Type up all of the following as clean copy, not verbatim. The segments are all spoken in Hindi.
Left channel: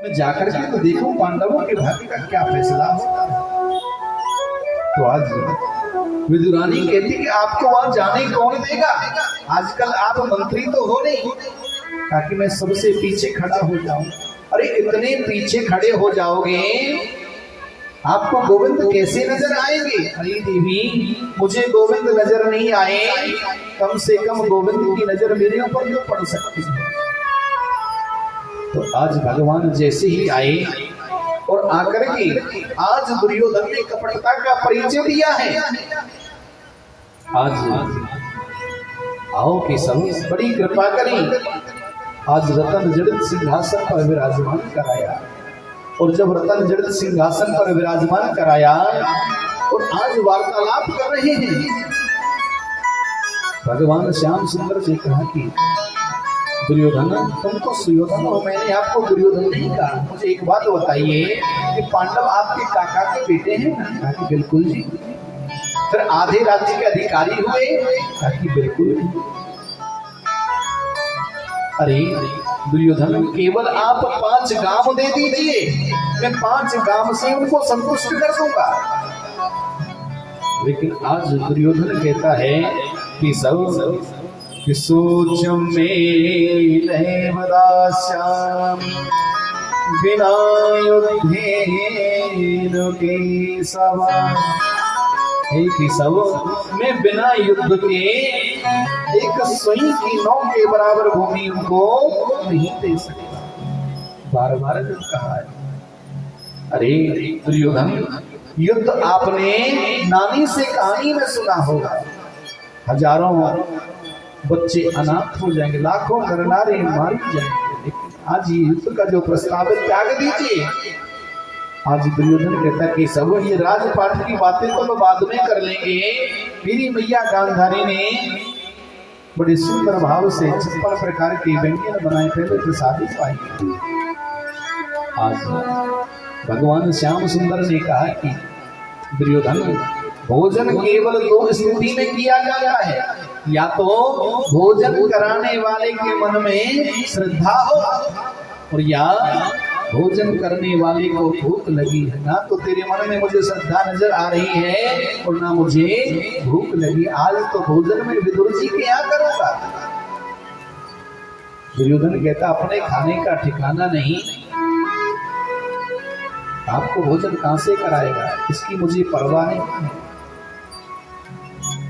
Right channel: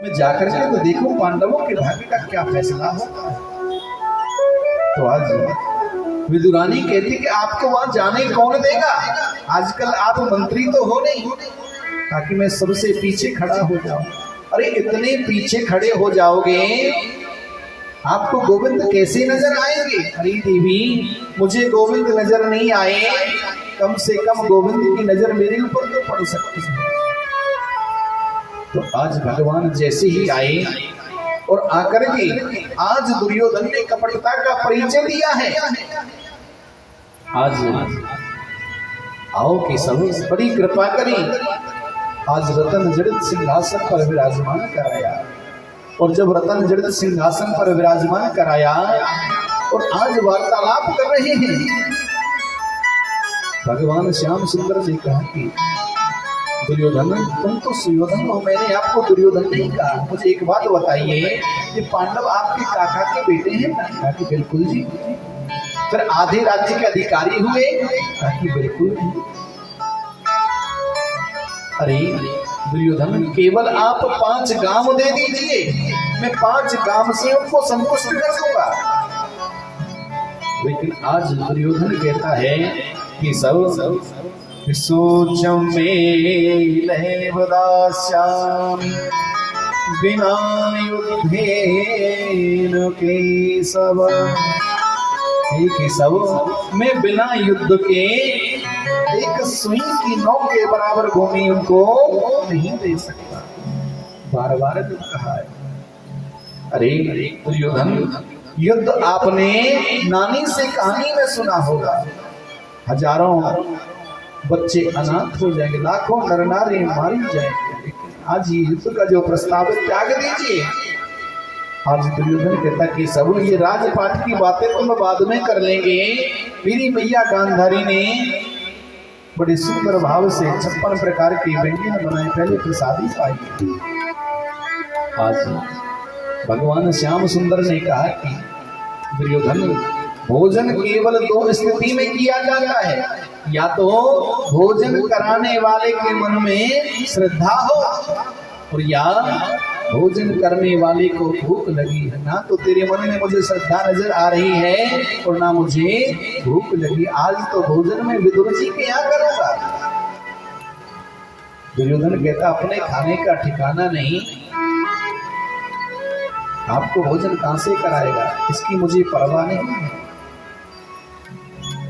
मैं जाकर के तो देखूं पांडवों के भाग्य का क्या फैसला होता है। तो आज विदुरानी कहती कि आपको वहां जाने कौन देगा, आजकल आप मंत्री तो हो नहीं, ताकि मैं सबसे पीछे खड़ा हो जाऊं। अरे इतने पीछे खड़े हो जाओगे, आपको गोविंद कैसे नजर आएंगे? अरे देवी, मुझे गोविंद नजर नहीं आए, कम से कम गोविंद की नजर मेरे ऊपर तो पड़ सकती है। तो आज भगवान जैसे ही आए और आकर के आज दुर्योधन ने कपटता का परिचय दिया है। आज आओ कि सब बड़ी कृपा करी, आज रतन जड़ित सिंहासन पर विराजमान कराया। और जब रतन जड़ित सिंहासन पर विराजमान कराया और आज वार्तालाप कर रहे हैं, भगवान श्याम सुंदर ने कहा कि दुर्योधन, तुम तो सुयोधन हो, मैंने आपको दुर्योधन नहीं कहा। मुझे एक बात बताइए कि पांडव आपके काका के बेटे हैं? कहा कि बिल्कुल जी। फिर आधे राज्य के अधिकारी हुए? कहा कि बिल्कुल। अरे दुर्योधन, केवल आप 5 गांव दे दीजिए, मैं 5 गांव से उनको संतुष्ट कर दूंगा। लेकिन आज दुर्योधन कहता है कि सब सोचम में दास्याम बिना युद्धेन केशव। केशव, मैं बिना युद्ध के एक सुई की नौ के बराबर भूमि उनको नहीं दे सकता। बार बार कहा है। अरे दुर्योधन, युद्ध आपने नानी से कहानी में सुना होगा, हजारों बच्चे अनाथ हो जाएंगे, लाखों नर नारी मारी जाएंगे, लेकिन आज ये युद्ध का जो प्रस्ताव है त्याग दीजिए। आज दुर्योधन कहता कि सब ये राजपाट की बातें तो हम बाद में कर लेंगे। मेरी मैया गांधारी ने बड़े सुंदर भाव से 56 प्रकार के व्यंजन बनाए, पहले प्रसादी पाई। आज भगवान श्याम सुंदर ने कहा कि दुर्योधन, भोजन केवल 2 स्थिति में किया जाता है, या तो भोजन कराने वाले के मन में श्रद्धा हो, और या भोजन करने वाले को भूख लगी है। ना तो तेरे मन में मुझे श्रद्धा नजर आ रही है और ना मुझे भूख लगी, आज तो भोजन में विदुर जी के यहाँ करूंगा। दुर्योधन कहता अपने खाने का ठिकाना नहीं, आपको भोजन कहां से कराएगा, इसकी मुझे परवाह नहीं है,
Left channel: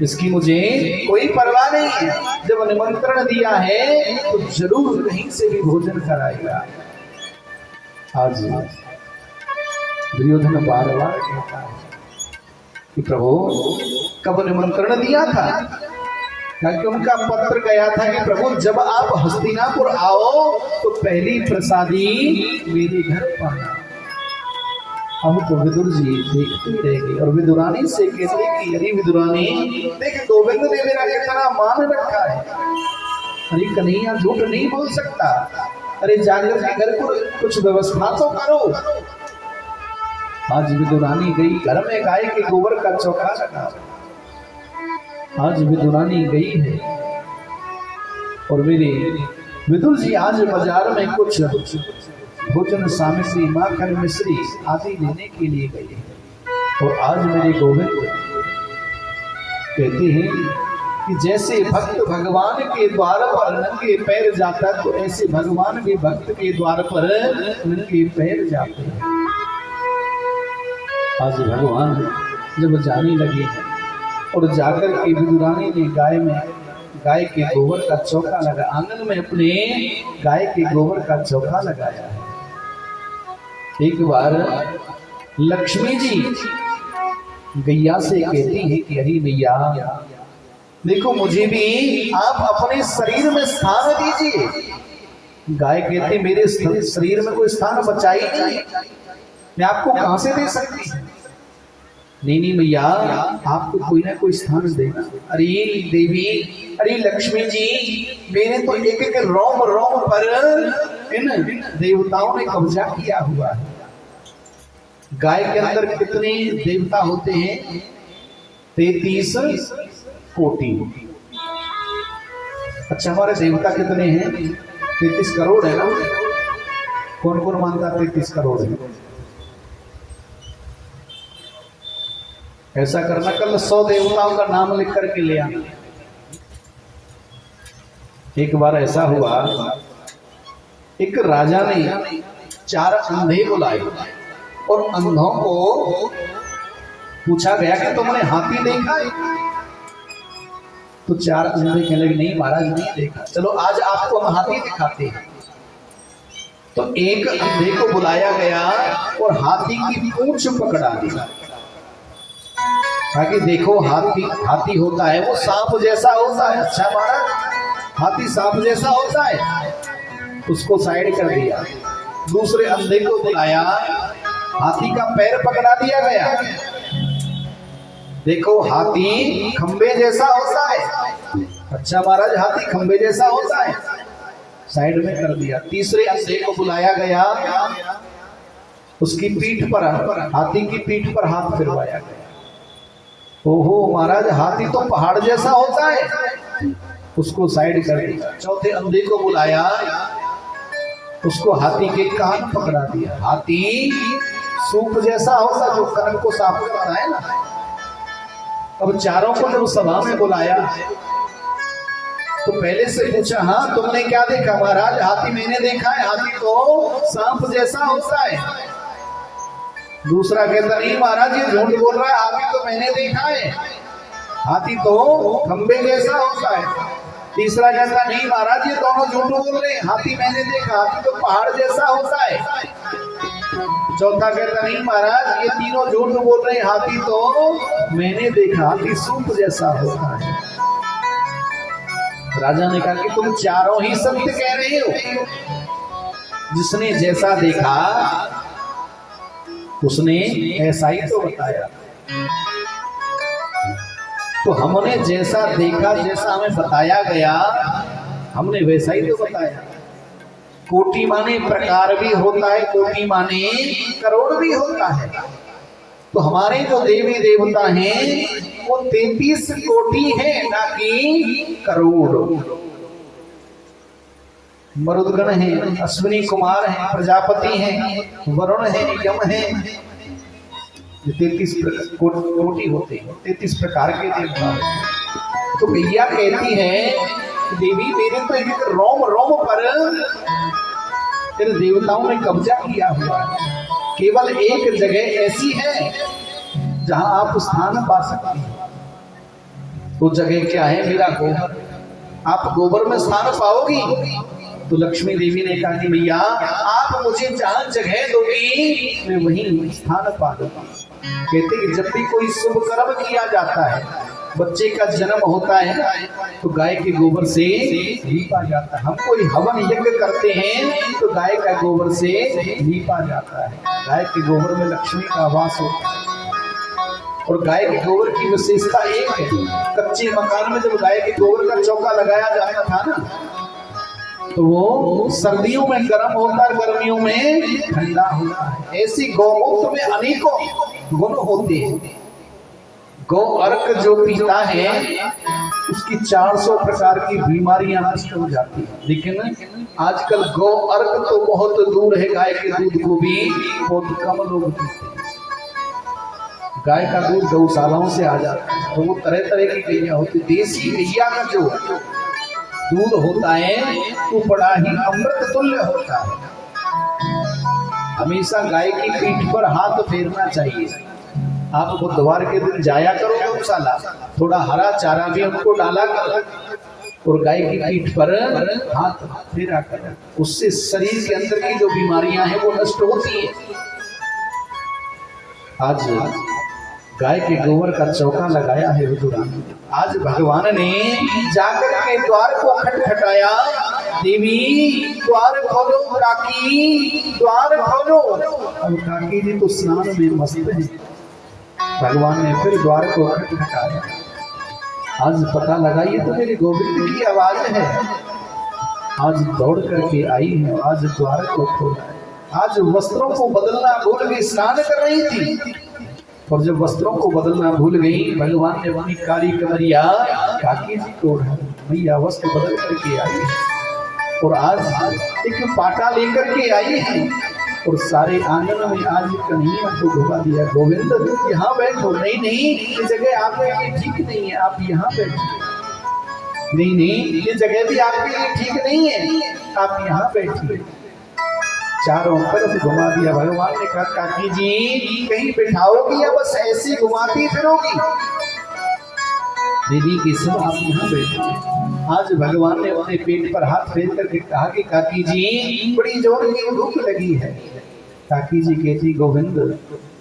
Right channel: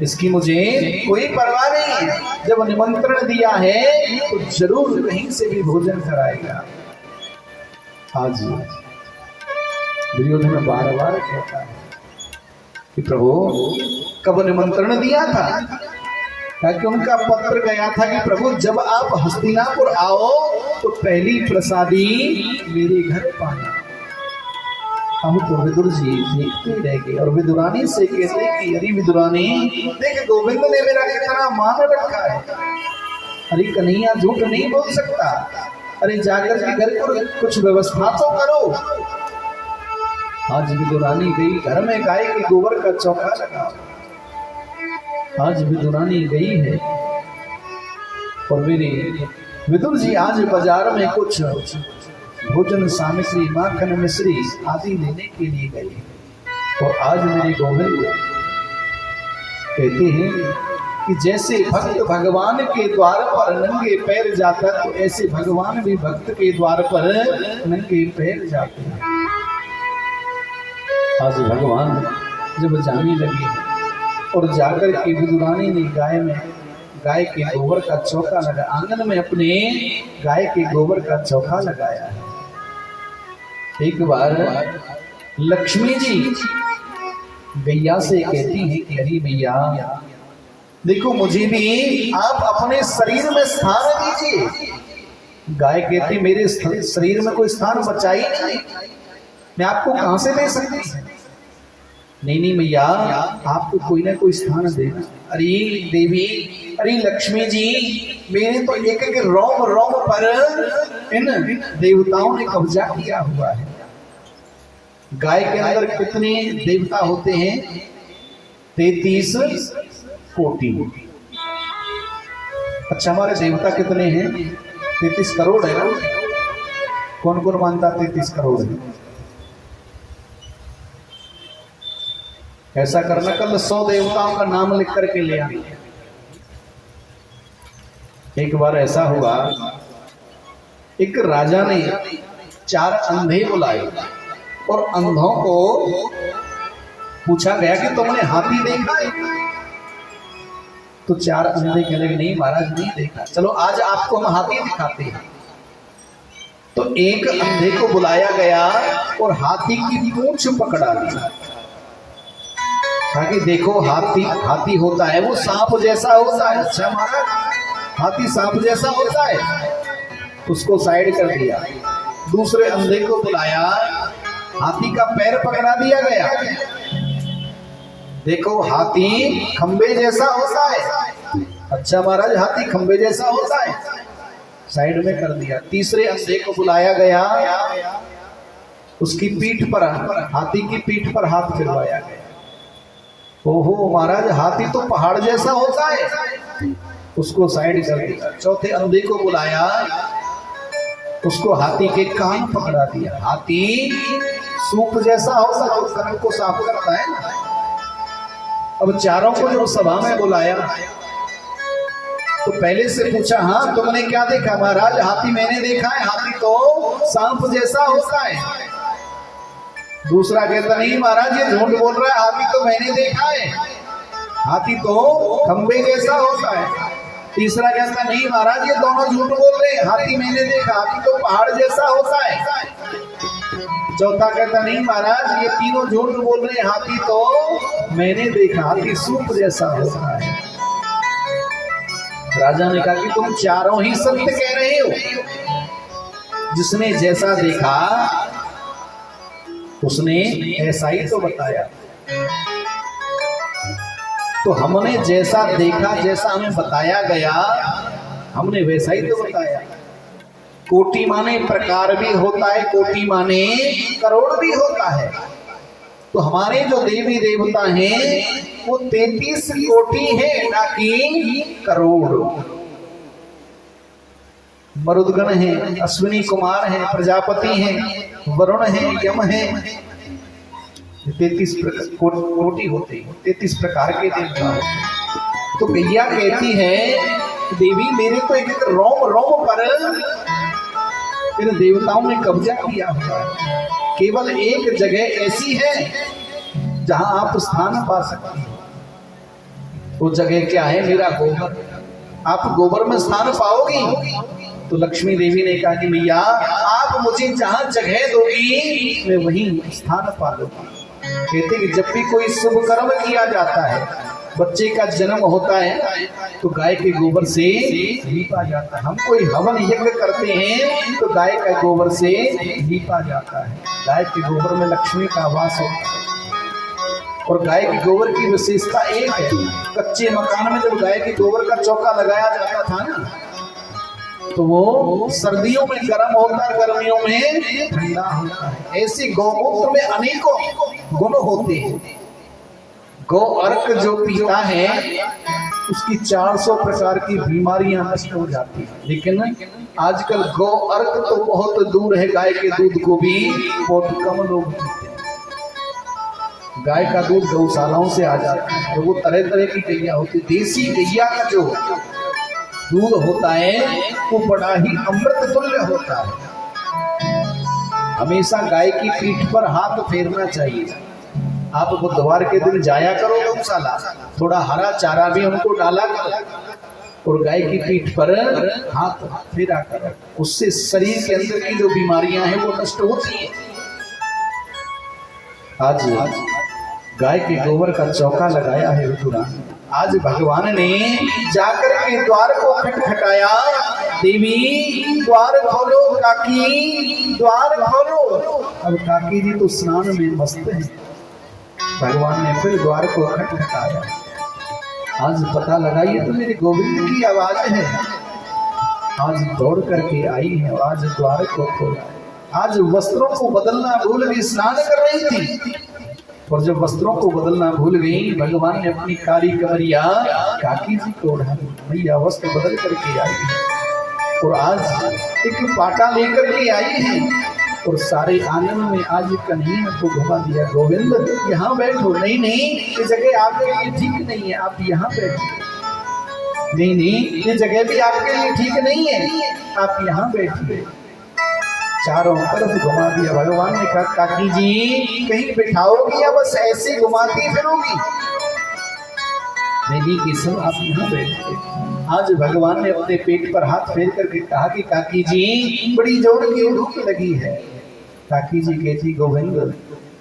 इसकी मुझे कोई परवाह नहीं है। जब निमंत्रण दिया है तो जरूर कहीं से भी भोजन कराएगा। आज दुर्योधन बार बार कहता है कि प्रभु, कब निमंत्रण दिया था? क्योंकि उनका पत्र गया था कि प्रभु, जब आप हस्तिनापुर आओ तो पहली प्रसादी मेरे घर पाना। हम तो विदुर जी देखते रह गए और विदुरानी से कहते कि अरे विदुरानी, देख गोविंद ने मेरा कितना मान रखा है। अरे कन्हैया झूठ नहीं बोल सकता, अरे जाकर के घर पर कुछ व्यवस्था तो करो। आज विदुरानी गई, घर में गाय के गोबर का चौका लगा। आज विदुरानी गई है और मेरे विदुर जी आज बाजार में कुछ भोजन सामग्री, माखन, मिश्री आदि लेने के लिए गए। तो आज मेरे गोविंद कहते हैं कि जैसे भक्त भगवान के द्वार पर नंगे पैर जाता, तो ऐसे भगवान भी भक्त के द्वार पर नंगे पैर जाते हैं। आज भगवान जब जाने लगे और जाकर के विदुरानी ने गाय के गोबर का चौका लगा, आंगन में अपने गाय के गोबर का चौका लगाया है। एक बार लक्ष्मी जी गैया से कहती है कि अरे भैया देखो, मुझे भी आप अपने शरीर में स्थान दीजिए। गाय कहती मेरे शरीर में कोई स्थान बचा ही नहीं, मैं आपको कहां से दे सकती? नहीं भैया, आपको कोई ना कोई स्थान देना। अरे देवी, अरे लक्ष्मी जी, मेरे तो एक एक रोम रोम पर इन देवताओं ने कब्जा किया हुआ है। गाय के अंदर कितने देवता होते हैं? 33 कोटि। अच्छा, हमारे देवता कितने हैं? 33 करोड़ है ना। कौन कौन मानता 33 करोड़ है? ऐसा करना, कल 100 देवताओं का नाम लिख करके ले आना। एक बार ऐसा हुआ, एक राजा ने 4 अंधे बुलाए और अंधों को पूछा गया कि तुमने हाथी देखा है? तो 4 अंधे कहने लगे नहीं महाराज नहीं देखा। चलो आज आपको हम हाथी दिखाते हैं। तो एक अंधे को बुलाया गया और हाथी की पूंछ पकड़ा दी, ताकि देखो हाथी होता है वो सांप जैसा होता है। अच्छा महाराज हाथी सांप जैसा होता है, उसको साइड कर दिया। दूसरे अंधे को बुलाया, हाथी का पैर पकड़ा दिया गया, देखो हाथी खंबे जैसा होता है। अच्छा महाराज हाथी खंबे जैसा होता है, साइड में कर दिया। तीसरे अंधे को बुलाया गया, उसकी पीठ पर, हाथी की पीठ पर हाथ फिरवाया गया। ओहो महाराज हाथी तो पहाड़ जैसा होता है, उसको साइड कर दिया। चौथे अंधे को बुलाया, उसको हाथी के कान पकड़ा दिया, हाथी सूप जैसा होता जो कान को साफ करता है ना। अब चारों को जब सभा में बुलाया तो पहले से पूछा हाँ तुमने क्या देखा? महाराज हाथी मैंने देखा है, हाथी तो सांप जैसा होता है। दूसरा कहता नहीं महाराज ये झूठ बोल रहा है, हाथी तो मैंने देखा है, हाथी तो खंबे जैसा होता है। तीसरा कहता नहीं महाराज ये दोनों झूठ बोल रहे हैं, हाथी मैंने देखा, हाथी तो पहाड़ जैसा होता है। चौथा कहता नहीं महाराज ये तीनों झूठ बोल रहे हैं, हाथी तो मैंने देखा, हाथी सूप जैसा होता है। राजा ने कहा कि तुम चारों ही सत्य कह रहे हो, जिसने जैसा देखा उसने ऐसा ही तो बताया। तो हमने जैसा देखा, जैसा हमें बताया गया, हमने वैसा ही तो बताया। कोटि माने प्रकार भी होता है, कोटि माने करोड़ भी होता है। तो हमारे जो देवी देवता हैं वो 33 कोटि है, ना कि करोड़। मरुदगण हैं, अश्विनी कुमार हैं, प्रजापति हैं, वरुण हैं, यम हैं। 33 कोटि होते हैं, 33 प्रकार के देवता हैं। तो गैया कहती है देवी मेरे तो एक रोम रोम पर इन देवताओं ने कब्जा किया हुआ है। केवल एक जगह ऐसी है जहां आप स्थान पा सकती हैं। वो जगह क्या है? मेरा गोबर। आप गोबर में स्थान पाओगी। तो लक्ष्मी देवी ने कहा कि भैया आप मुझे जहां जगह दोगी मैं वहीं स्थान पा लूंगी। कहते कि जब भी कोई शुभ कर्म किया जाता है, बच्चे का जन्म होता है तो गाय के गोबर से लीपा जाता है। हम कोई हवन यज्ञ करते हैं तो गाय का गोबर से लीपा जाता है। गाय के गोबर में लक्ष्मी का वास होता है। और गाय के गोबर की विशेषता एक है, कच्चे मकान में जब गाय के गोबर का चौका लगाया जाता था ना, तो वो सर्दियों में गर्म होता है, गर्मियों में ठंडा होता है। ऐसी गौमूत्र में अनेकों गुण होते हैं। गौ अर्क जो पीता है उसकी 400 प्रकार की बीमारियां नष्ट हो जाती है। लेकिन आजकल गौ अर्क तो बहुत दूर है, गाय के दूध को भी बहुत कम लोग पीते हैं। गाय का दूध गौशालाओं से आ जाता है, तो वो तरह तरह की गैया होती है। देसी गैया का जो दूध होता है वो बड़ा ही अमृत तुल्य होता है। हमेशा गाय की पीठ पर हाथ फेरना चाहिए। आप बुधवार के दिन जाया करो गौशाला, थोड़ा हरा चारा भी उनको डाला करो और गाय की पीठ पर हाथ फेरा करो। उससे शरीर के अंदर की जो बीमारियां हैं वो नष्ट होती है। आज गाय के गोबर का चौका लगाया है विदुरानी। आज भगवान ने जाकर के द्वार को खटखटाया, देवी द्वार खोलो, काकी द्वार खोलो। अब काकी जी तो स्नान में मस्त है। भगवान ने फिर द्वार को खटखटाया। आज पता लगाइए तो मेरे गोविंद की आवाज है। आज दौड़ करके आई है, आज द्वार को खोला। आज वस्त्रों को बदलना भूल गई, स्नान कर रही थी और जब वस्त्रों को बदलना भूल गई, भगवान ने अपनी काली कमरिया काकी जी को उठा दी। भैया वस्त्र बदल करके आई है। और आज एक पाटा लेकर के आई है और सारे आंगन में आज कन्हैया को घुमा दिया। गोविंद यहाँ बैठो। नहीं नहीं, ये जगह आपके लिए ठीक नहीं है, आप यहाँ बैठो। नहीं नहीं, ये जगह भी आपके लिए ठीक नहीं है, आप यहाँ बैठिए। चारों तरफ घुमा दिया। भगवान ने कहा काकी जी कहीं बैठाओगी या बस ऐसी घुमाती फिरोगी? नहीं किशन आप यहाँ बैठिए। आज भगवान ने अपने पेट पर हाथ फेर करके कहा कि काकी जी बड़ी जोर की भूख लगी है। काकी जी कहती गोविंद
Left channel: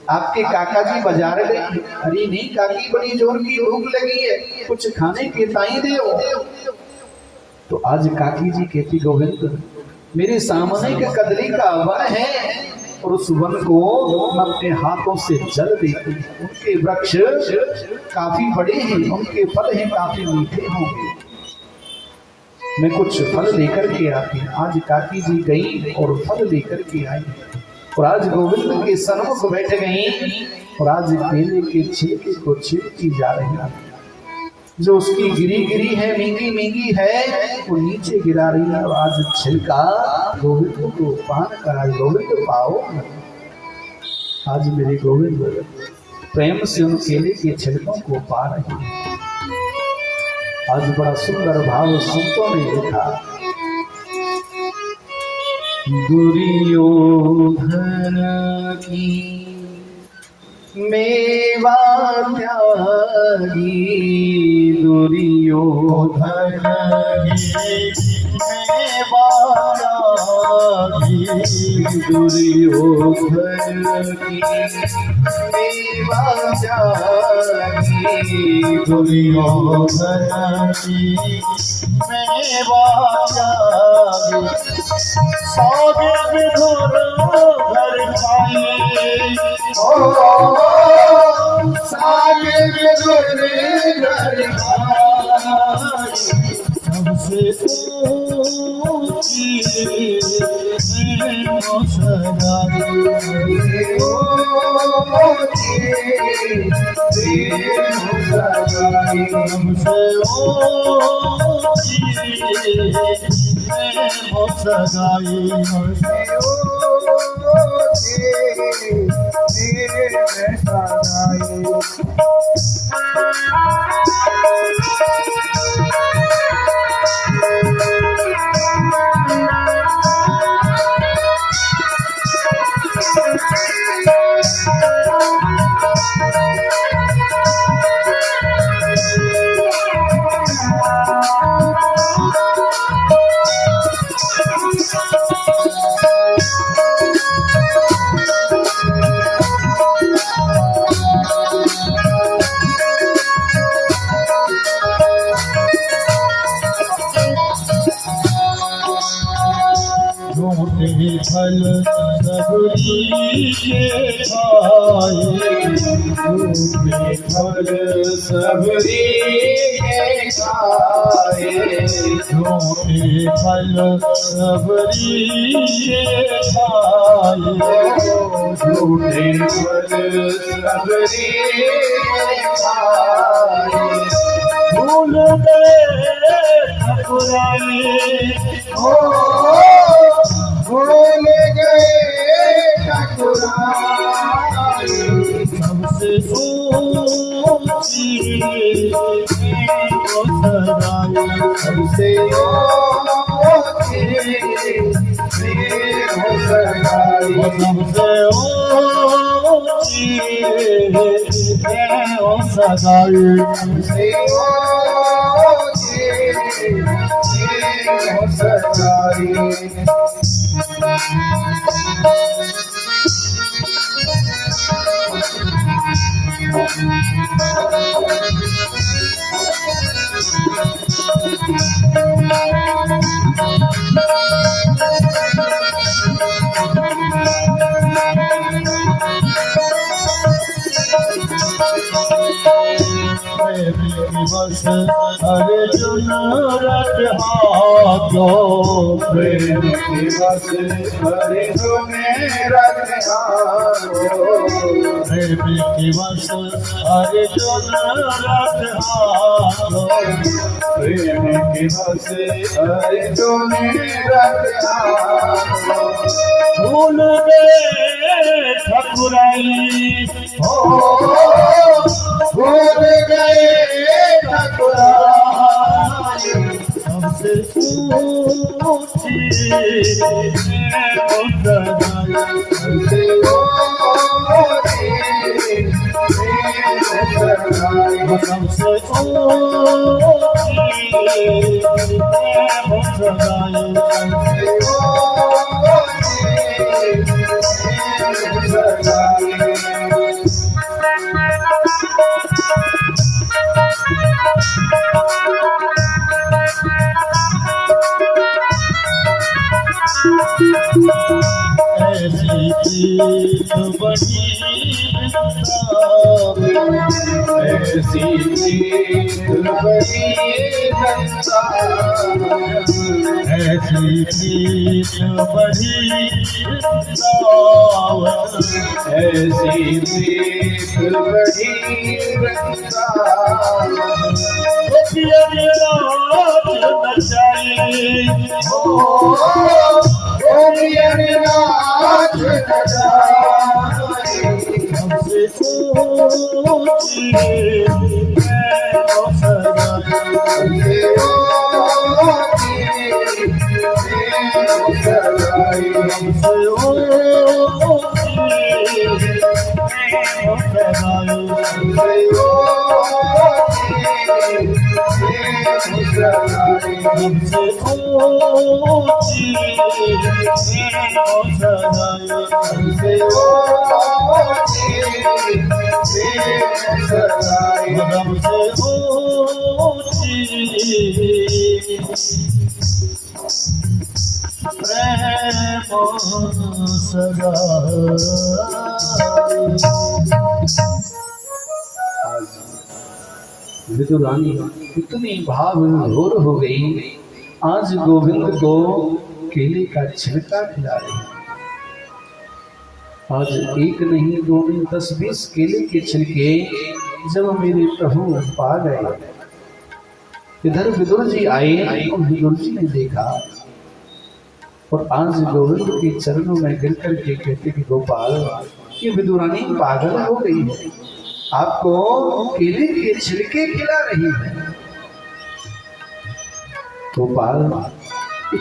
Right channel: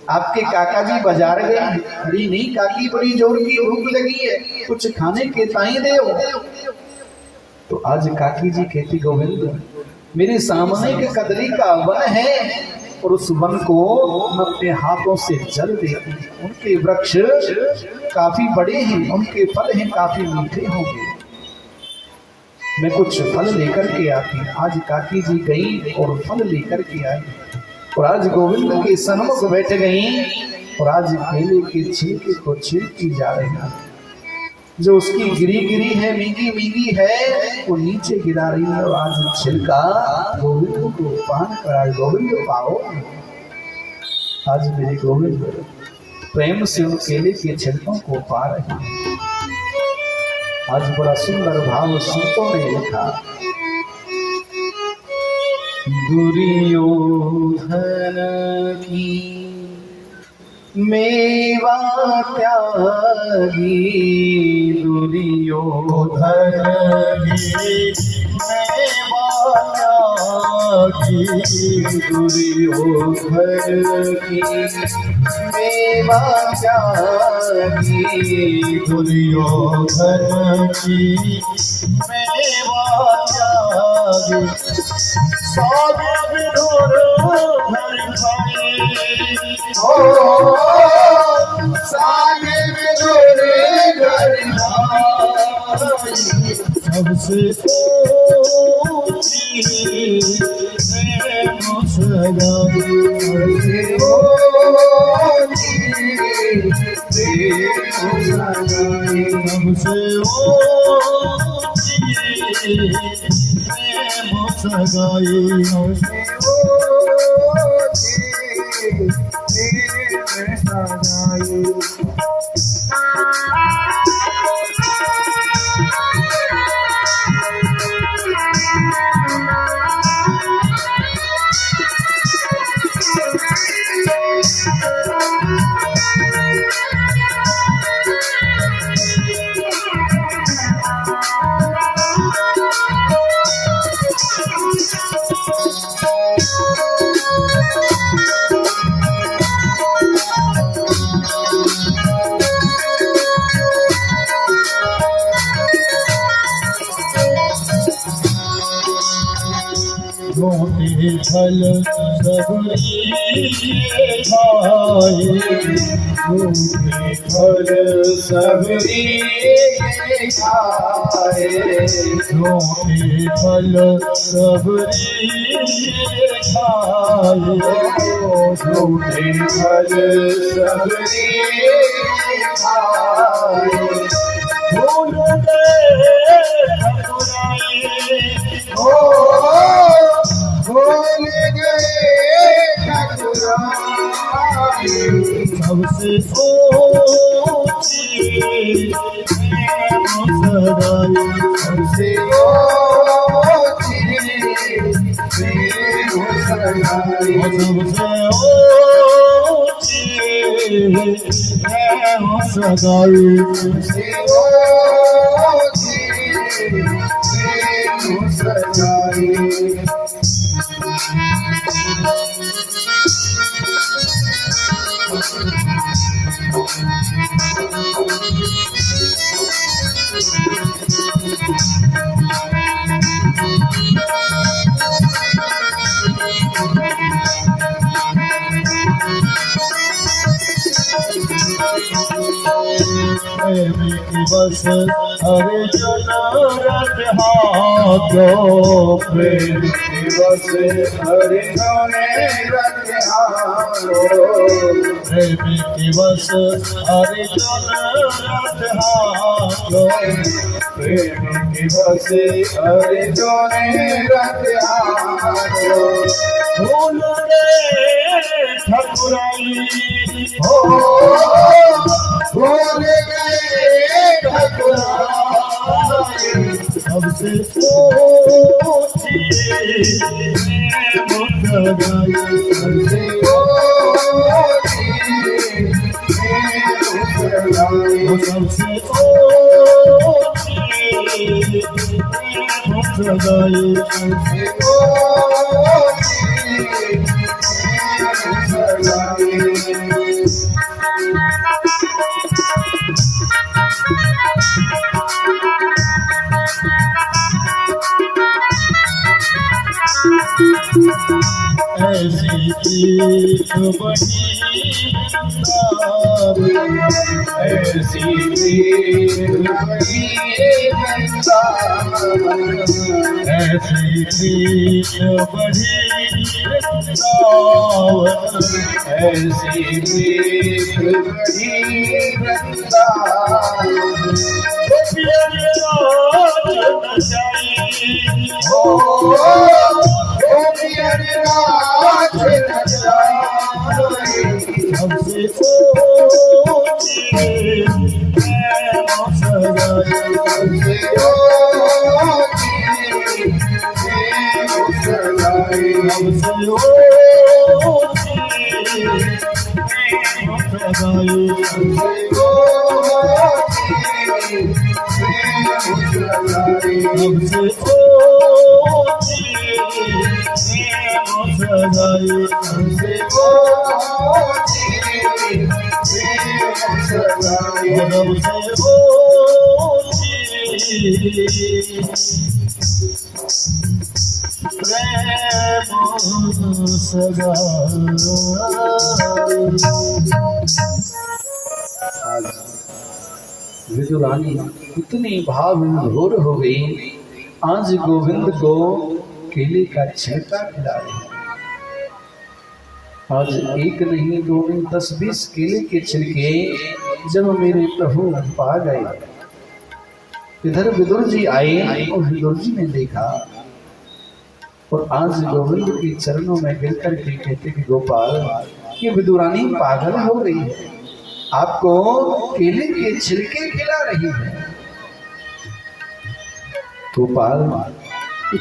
आपके काका जी बाजार गए। अरे नहीं काकी बड़ी जोर की भूख लगी है, कुछ खाने के ताई दे। तो आज काकी जी कहती गोविंद मेरे सामने का कदली का वन है और उस वन को मैं अपने हाथों से जल देती हूँ। उनके वृक्ष काफी बड़े हैं, उनके फल हैं काफी मीठे होंगे, मैं कुछ फल लेकर के आती। आज काकी जी गई और फल लेकर के आई और आज गोविंद के सन्मुख बैठ गई और आज केले के छिलके को छिलकी जा रही है। जो उसकी गिरी गिरी है, मींगी मींगी है, वो नीचे गिरा रही है और आज छिलका गोविंद को पान करा। गोविंद पाओ, आज मेरे गोविंद प्रेम से उन केले के छिलकों को पा रही है। आज बड़ा सुंदर भाव संतों ने लिखा। दुर्योधन की मेवा त्यागी, दुर्योधन की मेवा त्यागी, दुर्योधन की मेवा त्यागी, दुर्योधन की मेवा त्यागी। सागे विधुर घर खाए, सागे विधुर घर खाए, सबसे ऊंची प्रेम सगाई, सबसे सगाई फल सबरी के खाए, झूठे फल सबरी के खाए, झूठे फल सबरी के खाए, झूठे फल सबरी के खाए, भूल गए ठकुराई, भूल गए ठकुराई, सबसे ऊंची सगाई, सबसे ऊंची सगाई, सबसे ऊंची सगाई, सबसे ऊंची सगाई। बस अर्जुन रथ हाथो, प्रेम दिवस अर्जुन रथ हाथो, प्रेम दिवस अर्जुन रथ हाथो, प्रेम की हंसी अर्जुन रत्यारो भूल गए ठकुराई हो भूल गए ठकुराई सबसे ऊंची मुस्कान सबसे ऊंची मुस्कान सबसे ऐसी चीज बड़ी ऐसी बड़ी ऐसी चीज बड़ी ऐसी बड़ी हमसे सोची विदुरानी इतनी भाव विभोर हो गई, आज गोविंद को केले का छिलका खिला रही। आज एक नहीं दो नहीं 10-20 केले के छिलके जब मेरे प्रभु पा गए, इधर विदुर जी आए और विदुर जी ने देखा और आज गोविंद के चरणों में गिर कर के कहते कि गोपाल, ये विदुरानी पागल हो गई है, आपको केले के छिलके खिला रही है। गोपाल,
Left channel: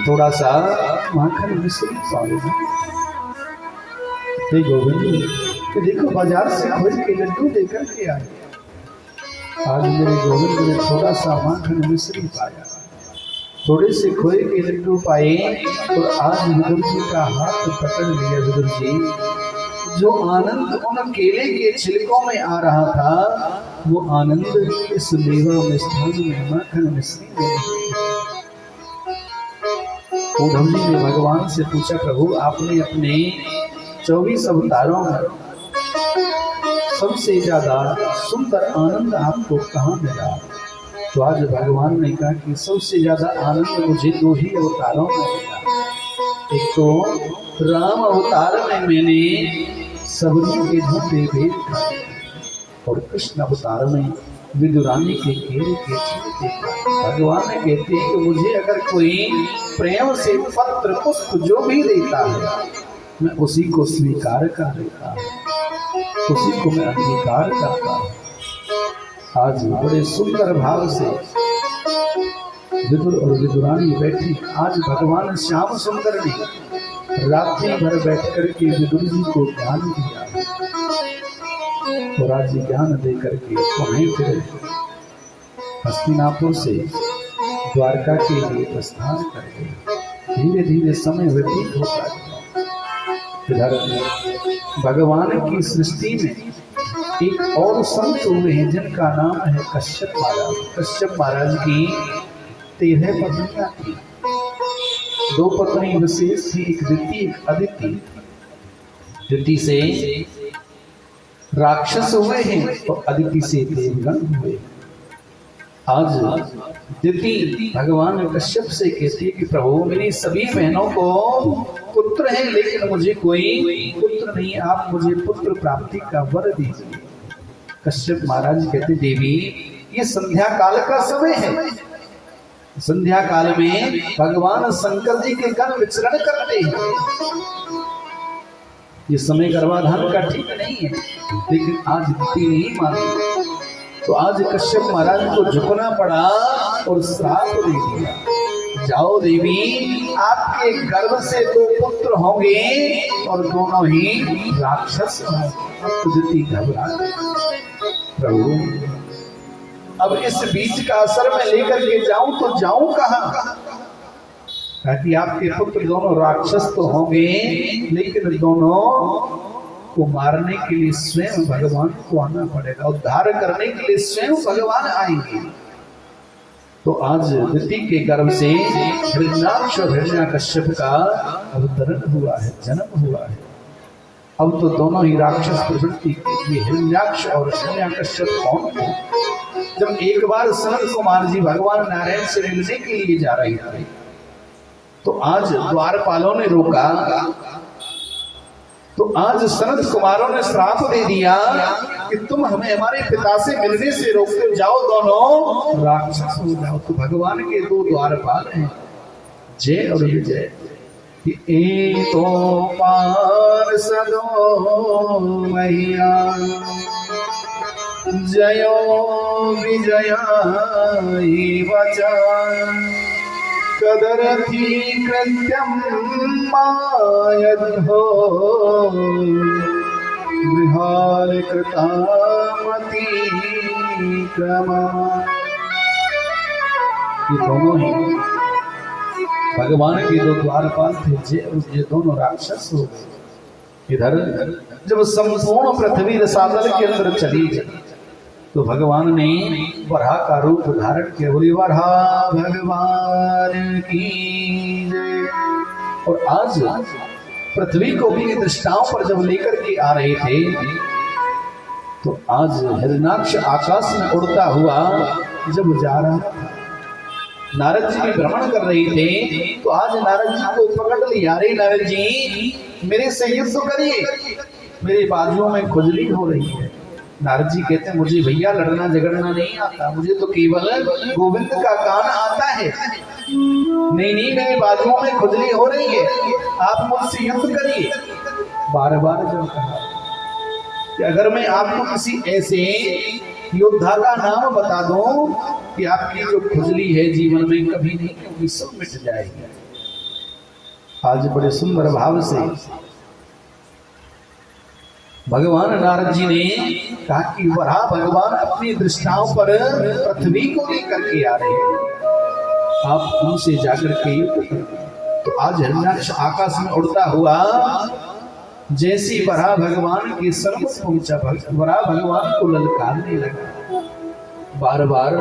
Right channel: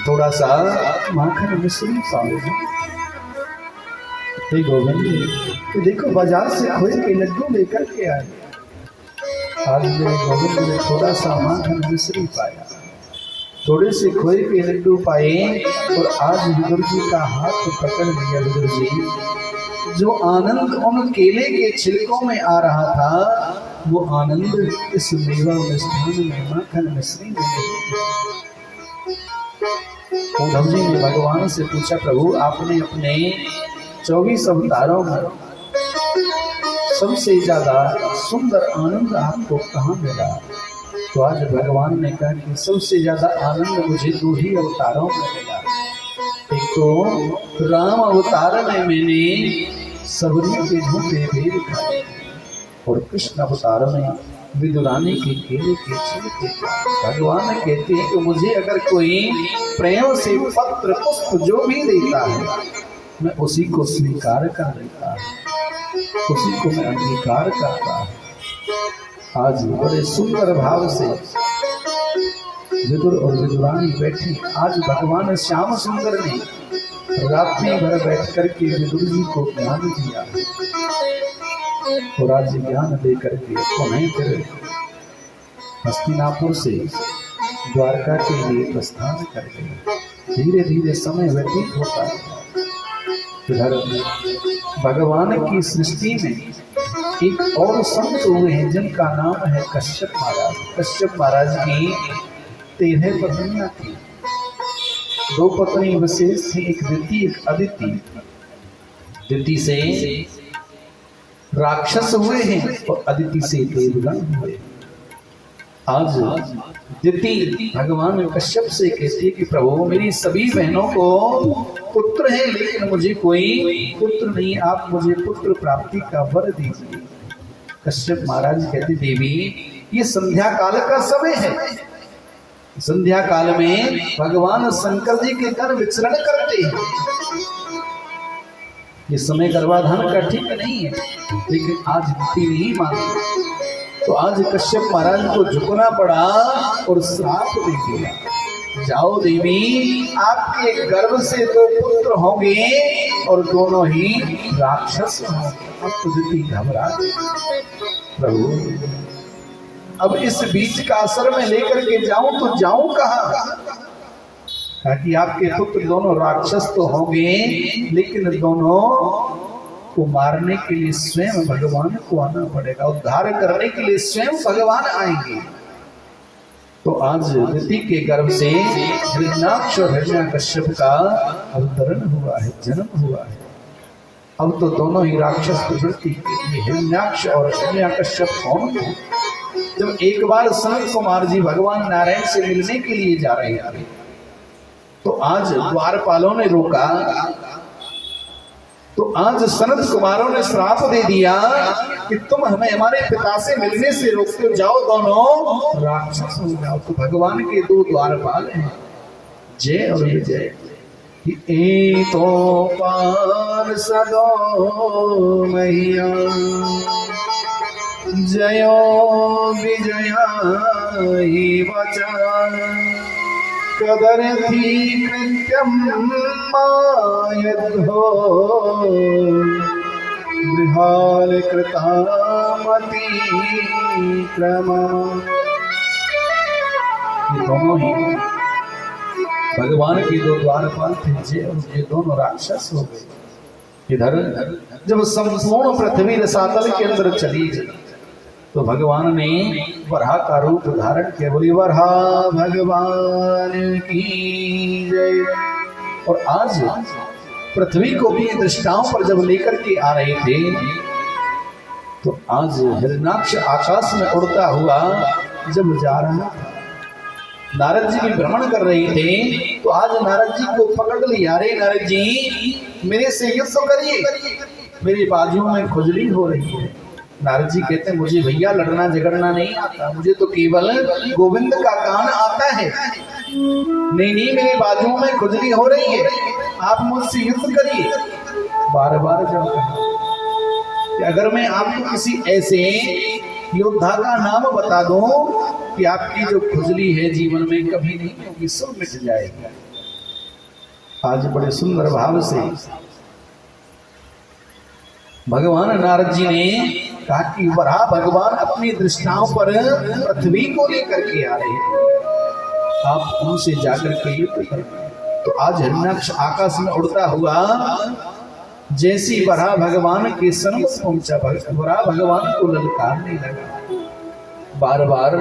थोड़ा सा माखन मिश्री पाओ। हे गोविंद, देखो बाजार से खोए के लड्डू लेकर के आए, आज मेरे गोविंद ने थोड़ा सा माखन मिश्री पाया, थोड़े से खोए के लड्डू पाए और आज विदुर जी का हाथ पकड़ लिया। विदुर जी, जो आनंद उन केले के छिलकों में आ रहा था, वो आनंद इस मेवा मिष्ठान में माखन मिश्री में नहीं। उद्धव जी ने भगवान से पूछा, प्रभु आपने अपने 24 अवतारों में सबसे ज्यादा सुंदर आनंद आपको कहाँ मिला? तो आज भगवान ने कहा कि सबसे ज्यादा आनंद मुझे 2 ही अवतारों में मिला। एक तो राम अवतार में मैंने सबरी के झूठे भेद खाए और कृष्ण अवतार में विदुरानी के केले के छिलके। भगवान कहते हैं कि मुझे अगर कोई प्रेम से पत्र पुष्प जो भी देता है, मैं उसी को स्वीकार कर लेता हूँ, उसी को मैं अंगीकार करता हूँ। आज बड़े सुंदर भाव से विदुर और विदुरानी बैठी। आज भगवान श्याम सुंदर ने रात्रि भर बैठ करके विदुर जी को ज्ञान दिया और आज ज्ञान दे करके उन्हें फिर हस्तिनापुर से द्वारका के लिए प्रस्थान कर गए। धीरे धीरे समय व्यतीत होता है। इधर भगवान की सृष्टि में एक और संत हुए हैं जिनका नाम है कश्यप महाराज। कश्यप महाराज की 13 पत्नियां थी। 2 पत्नी विशेष थी, एक दिति एक अदिति। दिति से राक्षस हुए हैं और अदिति से देवगण हुए। आज दिति भगवान कश्यप से कहती है कि प्रभु, मेरी सभी बहनों को पुत्र है लेकिन मुझे कोई पुत्र नहीं, आप मुझे पुत्र प्राप्ति का वर दीजिए। कश्यप महाराज कहते, देवी ये संध्या काल का समय है। संध्या काल में भगवान शंकर जी के घर विचरण करते हैं। ये समय गर्भाधान का ठीक नहीं है, लेकिन आज दिति नहीं मानी, तो आज कश्यप महाराज को झुकना पड़ा और श्राप दे दिया, जाओ देवी, आपके गर्भ से 2 पुत्र होंगे और दोनों ही राक्षस होंगे। अब तो दिति घबरा गई, प्रभु अब इस बीच का असर में लेकर के जाऊं तो जाऊं कहां? ताकि आपके पुत्र दोनों राक्षस तो होंगे, लेकिन दोनों को मारने के लिए स्वयं भगवान को आना पड़ेगा, उद्धार करने के लिए स्वयं भगवान आएंगे। तो आज दिति के गर्भ से हिरण्याक्ष और हिरण्यकश्यप का अवतरण हुआ है, जन्म हुआ है। अब तो दोनों ही राक्षस प्रवृत्ति के लिए हिरण्याक्ष और हिरण्यकश्यप कौन है? जब एक बार सनत कुमार जी भगवान नारायण से मिलने के लिए जा रहे थे, तो आज द्वारपालों ने रोका, तो आज सनत कुमारों ने श्राप दे दिया कि तुम हमें हमारे पिता से मिलने से रोकते हो, जाओ दोनों राक्षस हो जाओ। तो भगवान के 2 द्वारपाल हैं, जय और विजय। एको पार सदो मैया जयो विजया वचन कदर्थी कृत्यम मायद्धो गृहाल कृतामति क्रमा। ये दोनों ही भगवान के 2 द्वारपाल थे, ये दोनों राक्षस हो गए। इधर जब संपूर्ण पृथ्वी रसातल के अंदर चली गई, तो भगवान ने वराह का रूप धारण किया। बोली वराह भगवान की जय। और आज पृथ्वी को भी दृष्टाओं पर जब लेकर के आ रहे थे, तो आज हिरण्याक्ष आकाश में उड़ता हुआ जब जा रहा था, नारद जी भी भ्रमण कर रहे थे, तो आज नारद जी को पकड़ लिया, रे नारद जी मेरे से युद्ध करिए, मेरी बाजुओं में खुजली हो रही है। नारद जी कहते हैं मुझे भैया लड़ना झगड़ना नहीं आता, मुझे तो केवल गोविंद का गान आता है। नहीं नहीं, मेरे बाजुओं में खुजली हो रही है, आप मुझसे युद्ध करिए। बार बार जब कहा कि अगर मैं आपको किसी ऐसे योद्धा का नाम बता दूं कि आपकी जो खुजली है जीवन में कभी नहीं होगी, सब मिट जाएगी। आज बड़े सुंदर भाव से भगवान नारद जी ने कहा कि वराह भगवान अपनी दृष्टाओं पर पृथ्वी को लेकर के आ रहे हैं, आप उनसे जाकर के युद्ध करें। तो आज हिरण्याक्ष आकाश में उड़ता हुआ जैसी वराह भगवान के सन्मुख पहुंचा, वराह भगवान को ललकारने लगा, बार बार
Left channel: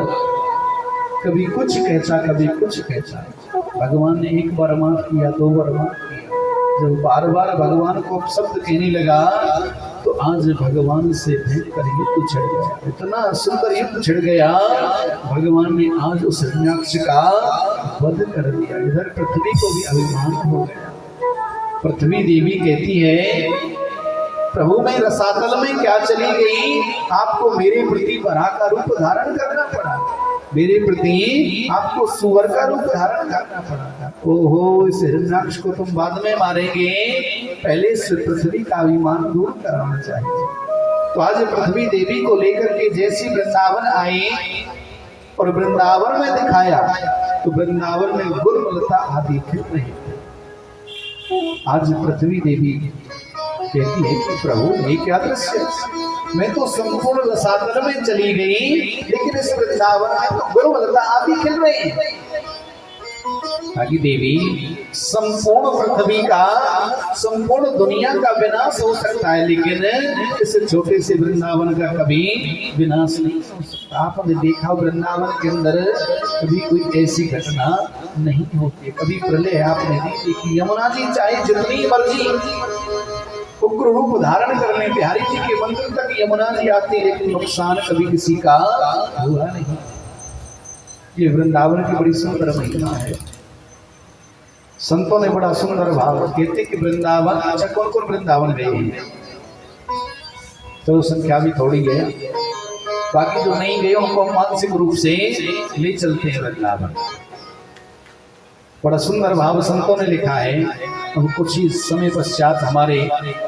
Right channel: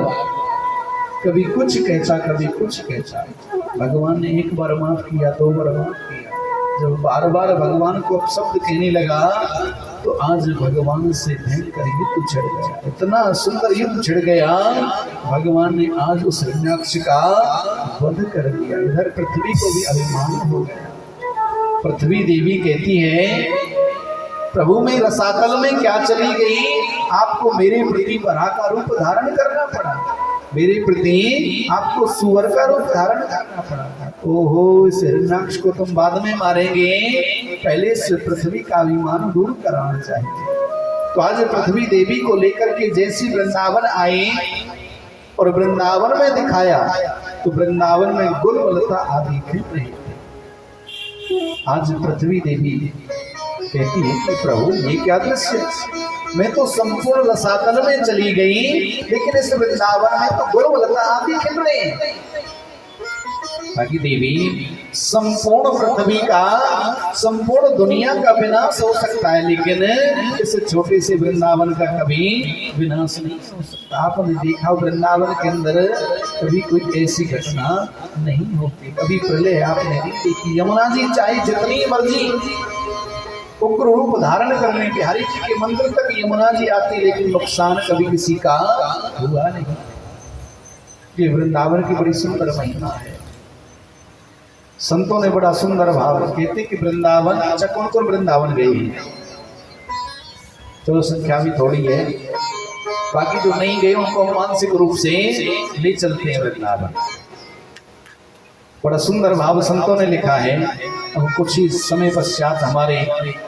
कभी कुछ कहता कभी कुछ कहता। भगवान ने 1 बार माफ किया, 2 बार माफ किया। जब बार बार भगवान को शब्द कहने लगा, तो आज भगवान से भयंकर युद्ध छिड़ गया, इतना सुंदर युद्ध छिड़ गया। भगवान ने आज उस हिरण्याक्ष का वध कर दिया। इधर पृथ्वी को भी अभिमान हो गया। पृथ्वी देवी कहती है, प्रभु मैं रसातल में क्या चली गई, आपको मेरे प्रति वराह का रूप धारण करना पड़ा, मेरे प्रति आपको सुअर का रूप धारण करना पड़ा। ओहो, इस हिरण्याक्ष को तुम बाद में मारेंगे, पहले इस पृथ्वी का अभिमान दूर कराना चाहिए। तो आज पृथ्वी देवी को लेकर के जैसी वृंदावन आए और वृंदावन में दिखाया, तो वृंदावन में गुलमलता आदि खिल रहे थे। आज पृथ्वी देवी कहती है कि प्रभु ये क्या दृश्य, मैं तो संपूर्ण रसातल में चली गई, लेकिन इस वृंदावन में तो गुलमलता आदि खिल रहे हैं। ताकि देवी संपूर्ण पृथ्वी का, संपूर्ण दुनिया का विनाश हो सकता है, लेकिन इस छोटे से वृंदावन का कभी विनाश नहीं हो सकता। आपने देखा वृंदावन के अंदर कभी कोई ऐसी घटना नहीं होती, कभी प्रलय आपने नहीं देखी। यमुना जी चाहे जितनी मर्जी उग्र रूप धारण करने, बिहारी जी के मंदिर तक यमुना जी आती, लेकिन नुकसान कभी किसी का हुआ नहीं। ये वृंदावन की बड़ी सुंदर महिमा है। संतों ने बड़ा सुंदर भाव कहते कि वृंदावन, अच्छा कौन कौन वृंदावन गए हैं, तो संख्या भी थोड़ी है, बाकी जो नहीं गए उनको मानसिक रूप से ले चलते हैं वृंदावन। बड़ा सुंदर भाव संतों ने लिखा है। अब कुछ ही समय पश्चात हमारे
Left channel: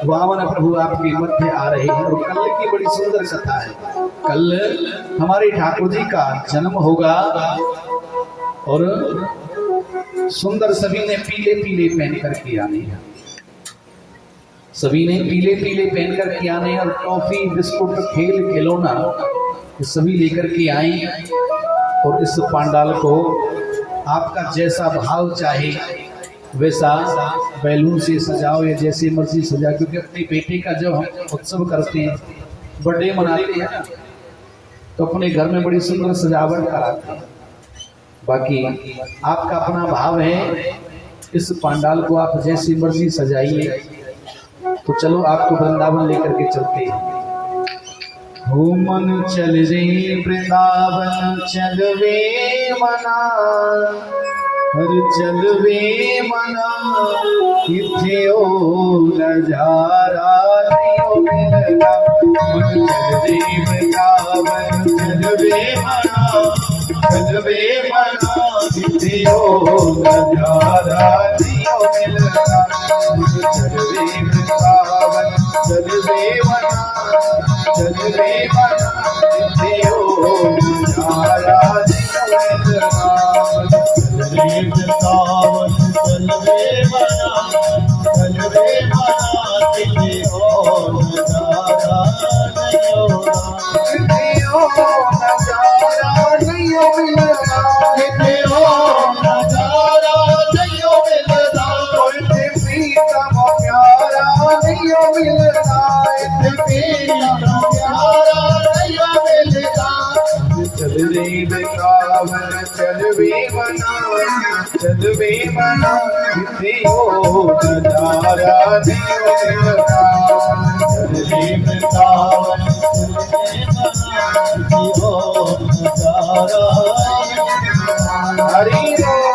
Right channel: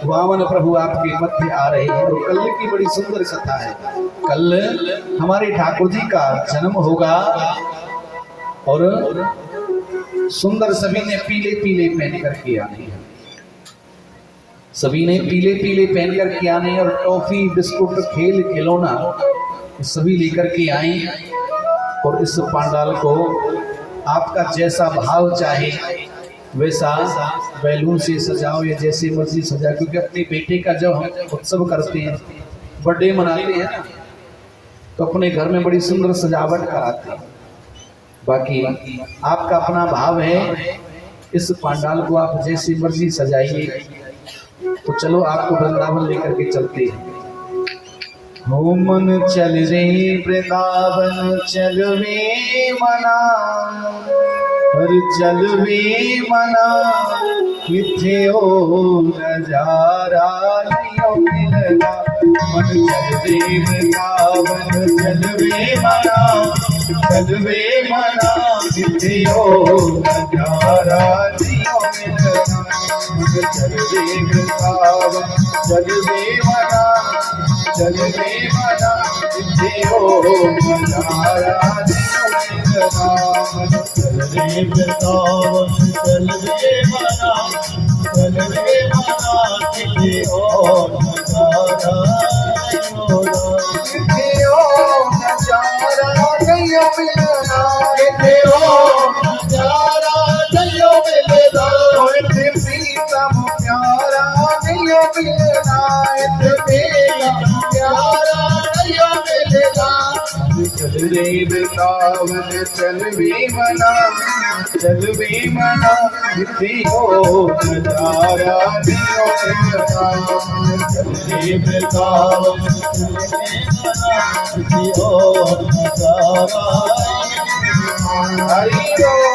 वामन प्रभु आपके मध्य आ रहे हैं और कल की बड़ी सुंदर कथा है। कल हमारे ठाकुर जी का जन्म होगा और सुंदर सभी ने पीले पीले पहन करके आने हैं, सभी ने पीले पीले पहन करके आने और टॉफी बिस्कुट खेल खिलौना सभी लेकर के आए और इस पांडाल को आपका जैसा भाव चाहे वैसा बैलून से सजाओ या जैसे मर्जी सजाओ, क्योंकि अपने बेटे का जब हम उत्सव करते हैं, बर्थडे मनाते हैं ना, तो अपने घर में बड़ी सुंदर सजावट कराते हैं। बाकी आपका अपना भाव है, इस पांडाल को आप जैसी मर्जी सजाइए। तो चलो आपको वृंदावन लेकर के चलते हैं। हो मन चल रे वृंदावन चल वे मना, हर चल वे मना, किथे ओ नजारा नहीं मिलना। मन चल रे वृंदावन चल वे मना, चल वे मना, किथे ओ नजारा नहीं मिलना। मन चल रे वृंदावन चल वे मना, चल रे मना, किथे ओ नजारा नहीं मिलना। चल रे वृंदावन चल रे मना, चल रे मना, किथे ओ नजारा नहीं होना। किथे ओ नजारा नहीं मिलना, किथे ओ नजारा नहीं मिलना। इतने प्रीतम प्यारा नहीं मिलना, इतने प्रीतम प्यारा नहीं मिलना। चल रे वृंदावन चल वे मना, चल वे मना, किथे ओ नजारा नहीं मिलना। चल रे वृंदावन चल रे मना, किथे ओ नजारा हरि बोल।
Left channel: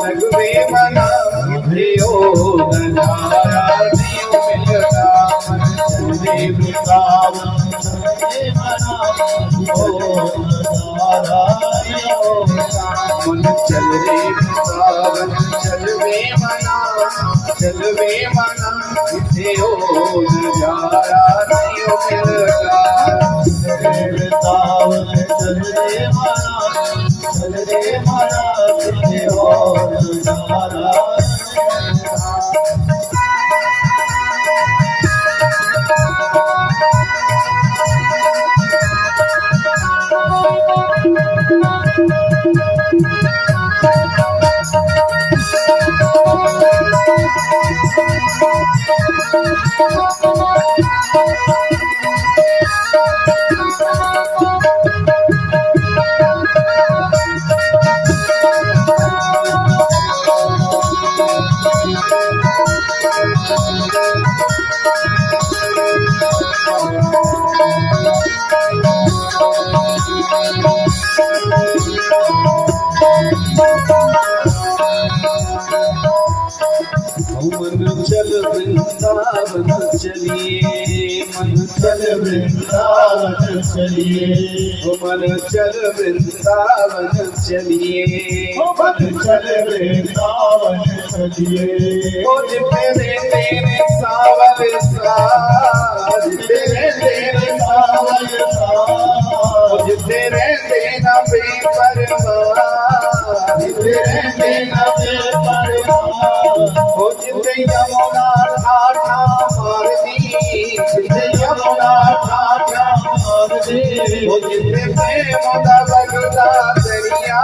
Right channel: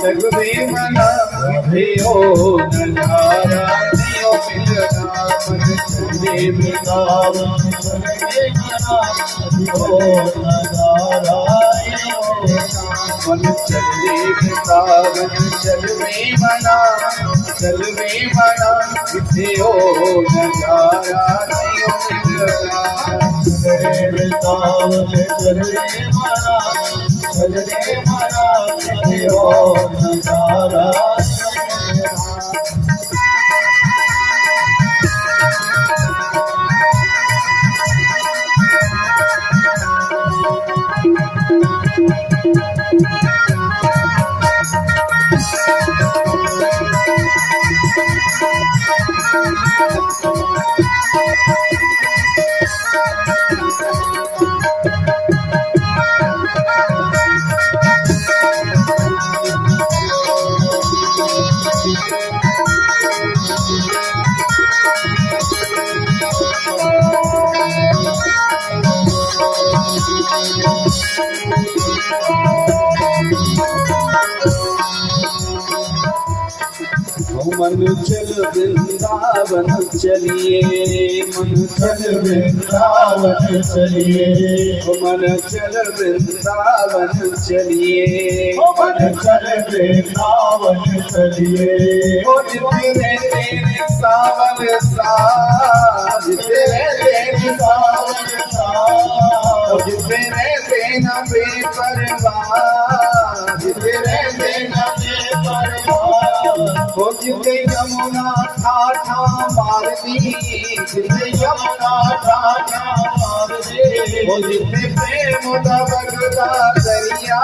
लगवे मना, किथे ओ नजारा नहीं मिलना। चल रे वृंदावन चल रे मना, किथे ओ नजारा नहीं होना। मन चल रे वृंदावन चल वे मना, चल वे मना, किथे ओ नजारा नहीं मिलना। चल रे वृंदावन चल रे मना, चल रे मना, किथे ओ नजारा मन चल वृंदावन चलिए, मन चल वृंदावन चलिए, मन चल वृंदावन चलिए, मन चल वृंदावन चलिए। ओ तेरे तेरे सावन साज, तेरे तेरे सावन साज, तेरे तेना बेपरवाह, तेरे तेना बेपरवाह। ओ जिते यमुना ठाठा मार दी, जिते यमुना ठाठा मार दे, ओ जिते प्रेम दा बगदा दरिया,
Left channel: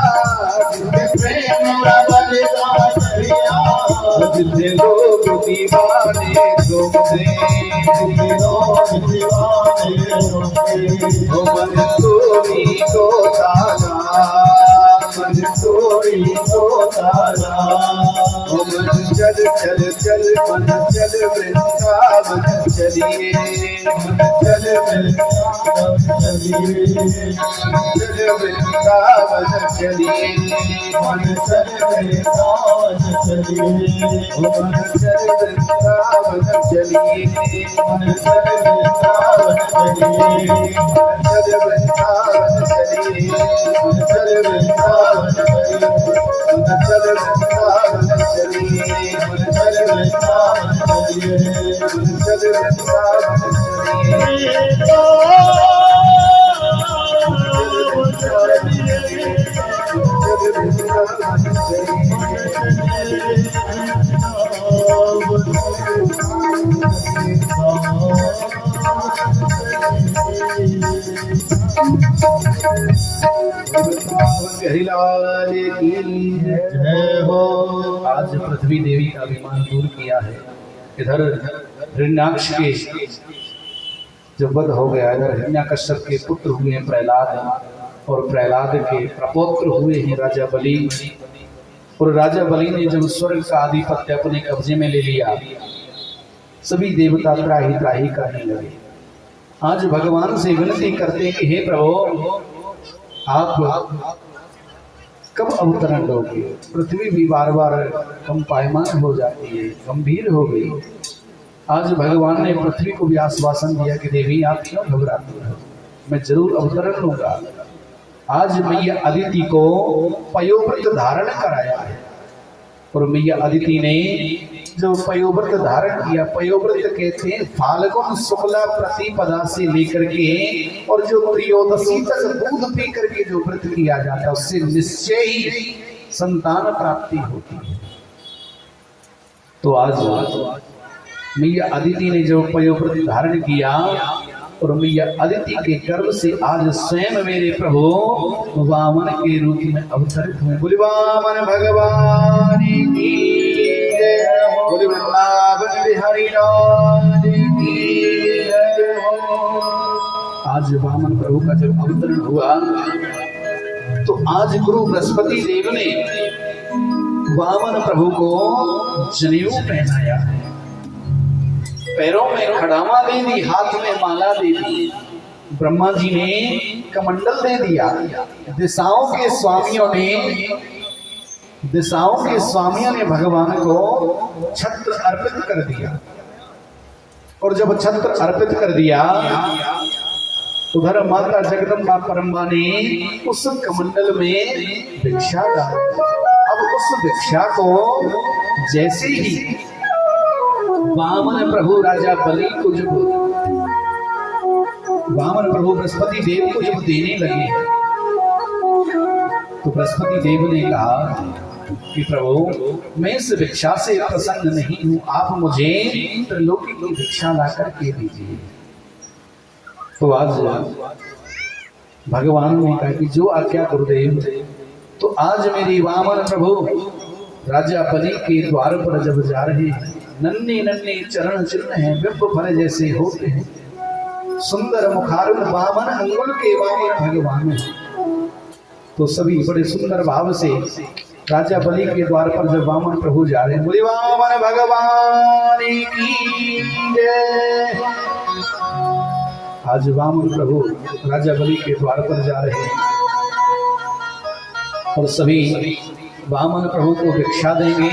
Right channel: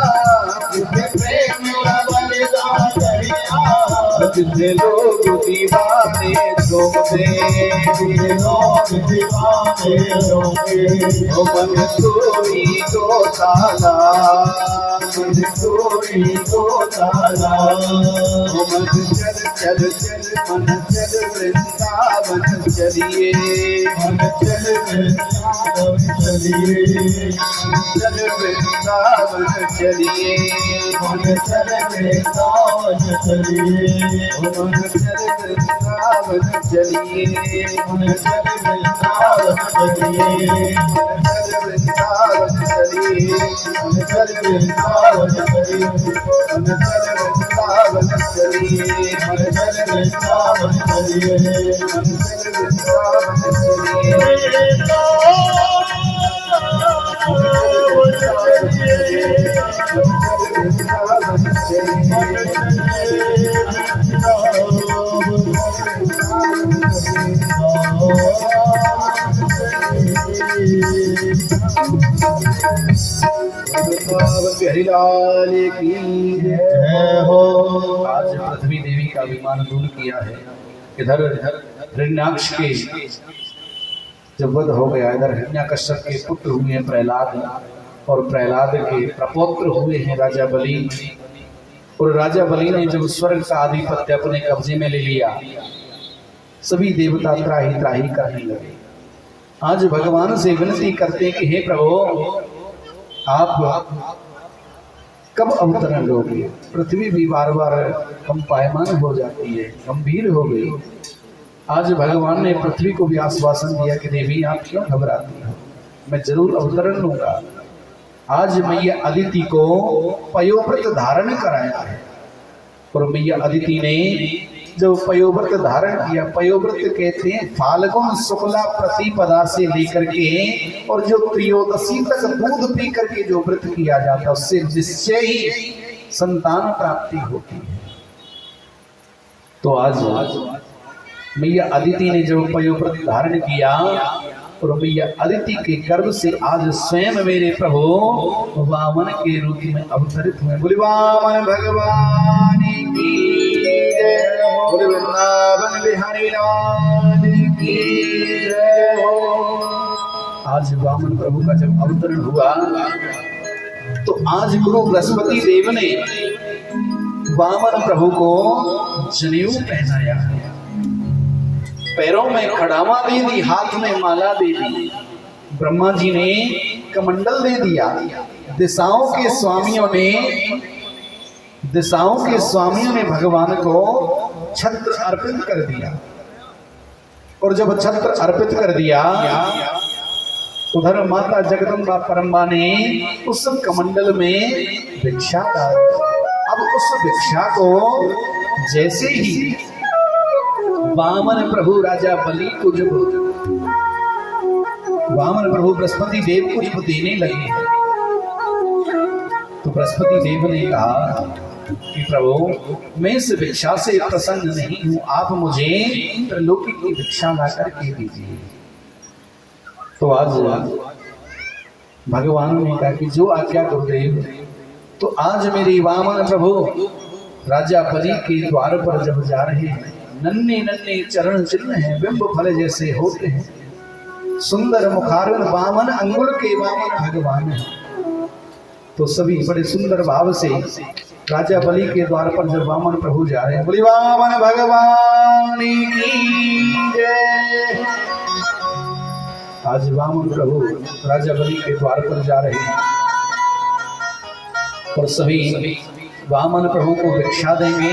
जिते प्रेम दा बगदा दरिया, जिते लोग दीवाने झूमते, जिते लोग दीवाने रोके। ओ मन कोरी को ताला, मन कोरी को ताला, ओ मन चल चल चल, मन चल वृंदावन चलिए, मन चल वृंदावन चलिए, चल वृंदावन चलिए, मन चल वृंदावन चलिए, मन चल वृंदावन चलिए, मन चल वृंदावन चलिए, चल वृंदावन चलिए, चल वृंदावन चलिए, चल वृंदावन चलिए, मन चल वृंदावन चलिए, चल वृंदावन चलिए, चल वृंदावन चलिए। हरिलाल की जय हो। आज पृथ्वी देवी का अभिमान दूर किया है। इधर हिरण्याक्ष के जब वध हो गया, इधर हिरण्याकश्यप के पुत्र हुए हैं प्रहलाद, और प्रहलाद के प्रपौत्र हुए हैं राजा बलि। और राजा बलि ने जब स्वर्ग का आधिपत्य अपने कब्जे में ले लिया, सभी देवता त्राही त्राही करने लगे। आज भगवान से विनती करते हैं कि हे प्रभु, आप कब अवतरण लोगे? पृथ्वी भी बार बार कंपायमान हो जाती है, गंभीर हो गई। आज भगवान ने पृथ्वी को भी आश्वासन दिया कि देवी आप क्यों घबराती हो, मैं जरूर अवतरण लूंगा। आज मैया अदिति को पयोव्रत धारण कराया है, और मैया अदिति ने जो पयोव्रत धारण किया, पयोव्रत कहते हैं फाल्गुन शुक्ला प्रतिपदा से लेकर के और जो त्रयोदशी तक दूध पी करके जो व्रत किया जाता है, उससे निश्चय ही संतान प्राप्ति होती है। तो आज मैया अदिति ने जो पयोव्रत धारण किया, और मैया अदिति के गर्भ से आज स्वयं मेरे प्रभु वामन के रूप में अवतरित हुए। बोले वामन भगवान की जय, बोले वृंदावन बिहारी लाल की जय। आज वामन प्रभु का जब अवतरण हुआ, तो आज गुरु बृहस्पति देव ने वामन प्रभु को जनेऊ पहनाया है, पैरों में खड़ामा दे दी, हाथ में माला दे दी। ब्रह्मा जी ने कमंडल दे दिया। दिशाओं के स्वामियों ने भगवान को छत्र अर्पित कर दिया। और जब छत्र अर्पित कर दिया, उधर माता जगदम्बा परम्बा ने उस कमंडल में भिक्षा डाल दी। अब उस भिक्षा को जैसे ही वामन प्रभु राजा बलि को जब वामन प्रभु बृहस्पति देव को जब देने लगे, तो बृहस्पति देव ने कहा कि प्रभु, मैं इस भिक्षा से प्रसन्न नहीं हूं, आप मुझे त्रिलोकी की भिक्षा ला करके दीजिए। तो आज भगवान ने कहा कि जो आज्ञा गुरुदेव। तो आज मेरे वामन प्रभु राजा बलि के द्वार पर जब जा रहे हैं, नन्हे नन्हे चरण चिन्ह हैं, बिंब फल जैसे होते हैं, सुंदर मुखारुण वामन अंगुल के वामन भगवान हैं। तो सभी बड़े सुंदर भाव से राजा बलि के द्वार पर जब वामन प्रभु जा रहे हैं, बोले वामन भगवान की जय। आज वामन प्रभु राजा बलि के द्वार पर जा रहे हैं, और सभी वामन प्रभु को भिक्षा देंगे,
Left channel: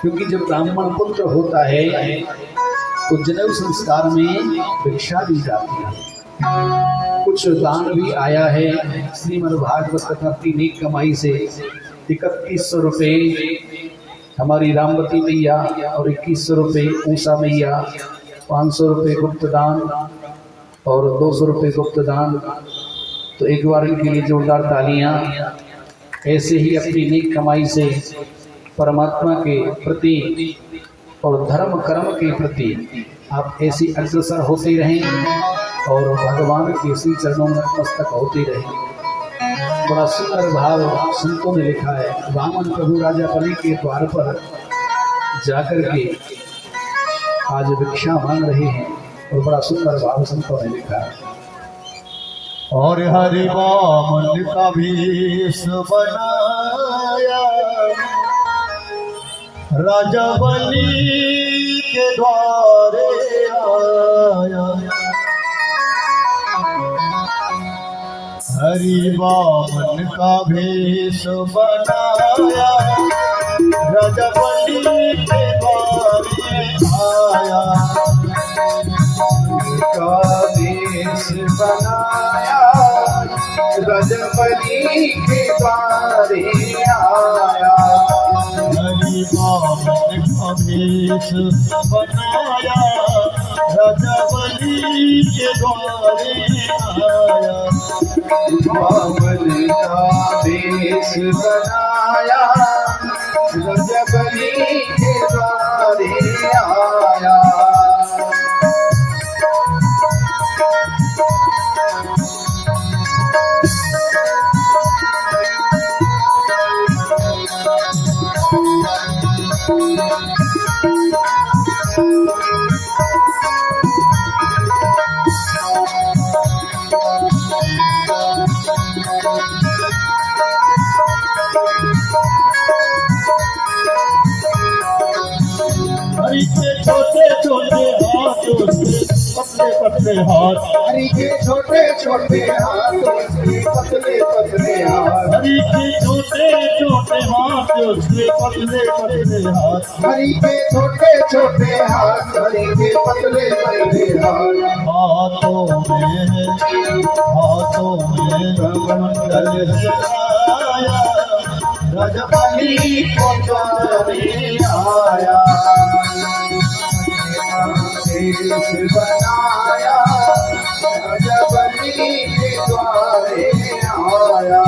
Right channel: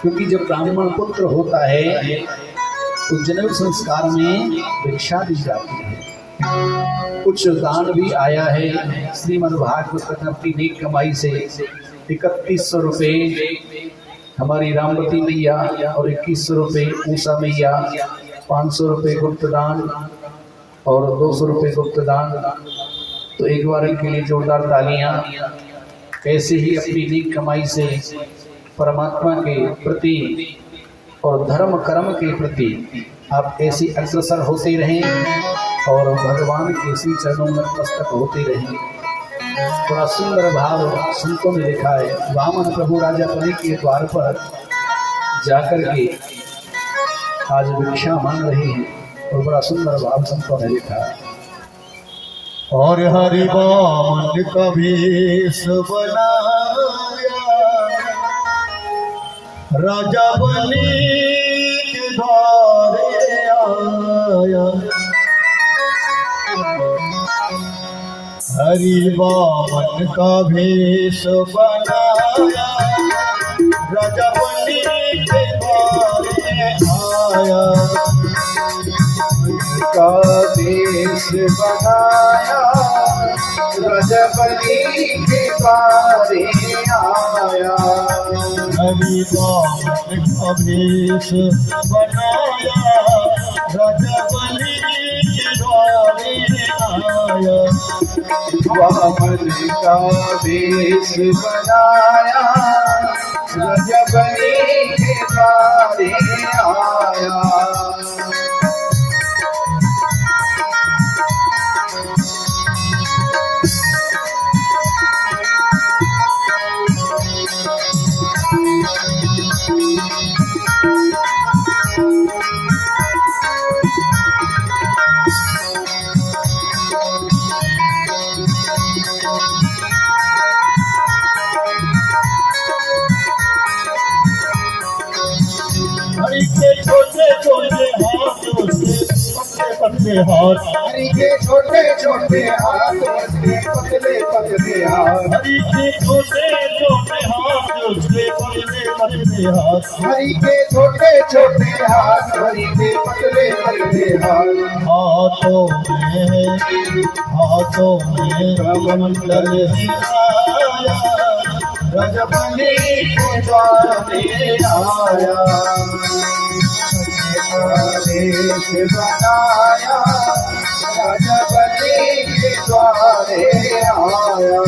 क्योंकि जब ब्राह्मण पुत्र होता है तो जनेऊ संस्कार में भिक्षा दी जाती है। कुछ दान भी आया है। श्रीमद् भागवत कथा की नेक कमाई से 3100 रुपये हमारी रामवती मैया और 2100 रुपये ऊषा मैया, 500 रुपये गुप्त दान और 200 रुपये गुप्त दान। तो एक बार इनके लिए जोरदार तालियां। ऐसे ही अपनी नेक कमाई से परमात्मा के प्रति और धर्म कर्म के प्रति आप ऐसी अग्रसर होते रहें और भगवान के इसी चरणों में मस्तक होते रहें। बड़ा सुंदर भाव संतों ने लिखा है। वामन प्रभु राजा बलि के द्वार पर जाकर के आज भिक्षा मांग रहे हैं और बड़ा सुंदर भाव संतों ने लिखा है। और हरि वामन का भेष बनाया, राजा बलि के द्वारे आया। हरि वामन का भेष बनाया, राजा बलि के द्वारे आया। का देश बनाया, राजा बलि के द्वारे आया। हरि वामन का भेष बनाया, राजा बलि के द्वारे आया। वामन का देश बनाया, राजा बलि के द्वारे आया। हरि के छोटे छोटे हाथों से पतले पतले हाथ, हरि के छोटे छोटे हाथ, पतले पतले हाथ। हरि के छोटे छोटे हाथों से पतले पतले हाथ। हरि के छोटे छोटे हाथ, हरि के पतले पतले हाथ। हाथों में कमंडल आया, राजा बलि के द्वारे आया। देश बनाया, राजा बलि के द्वारे आया।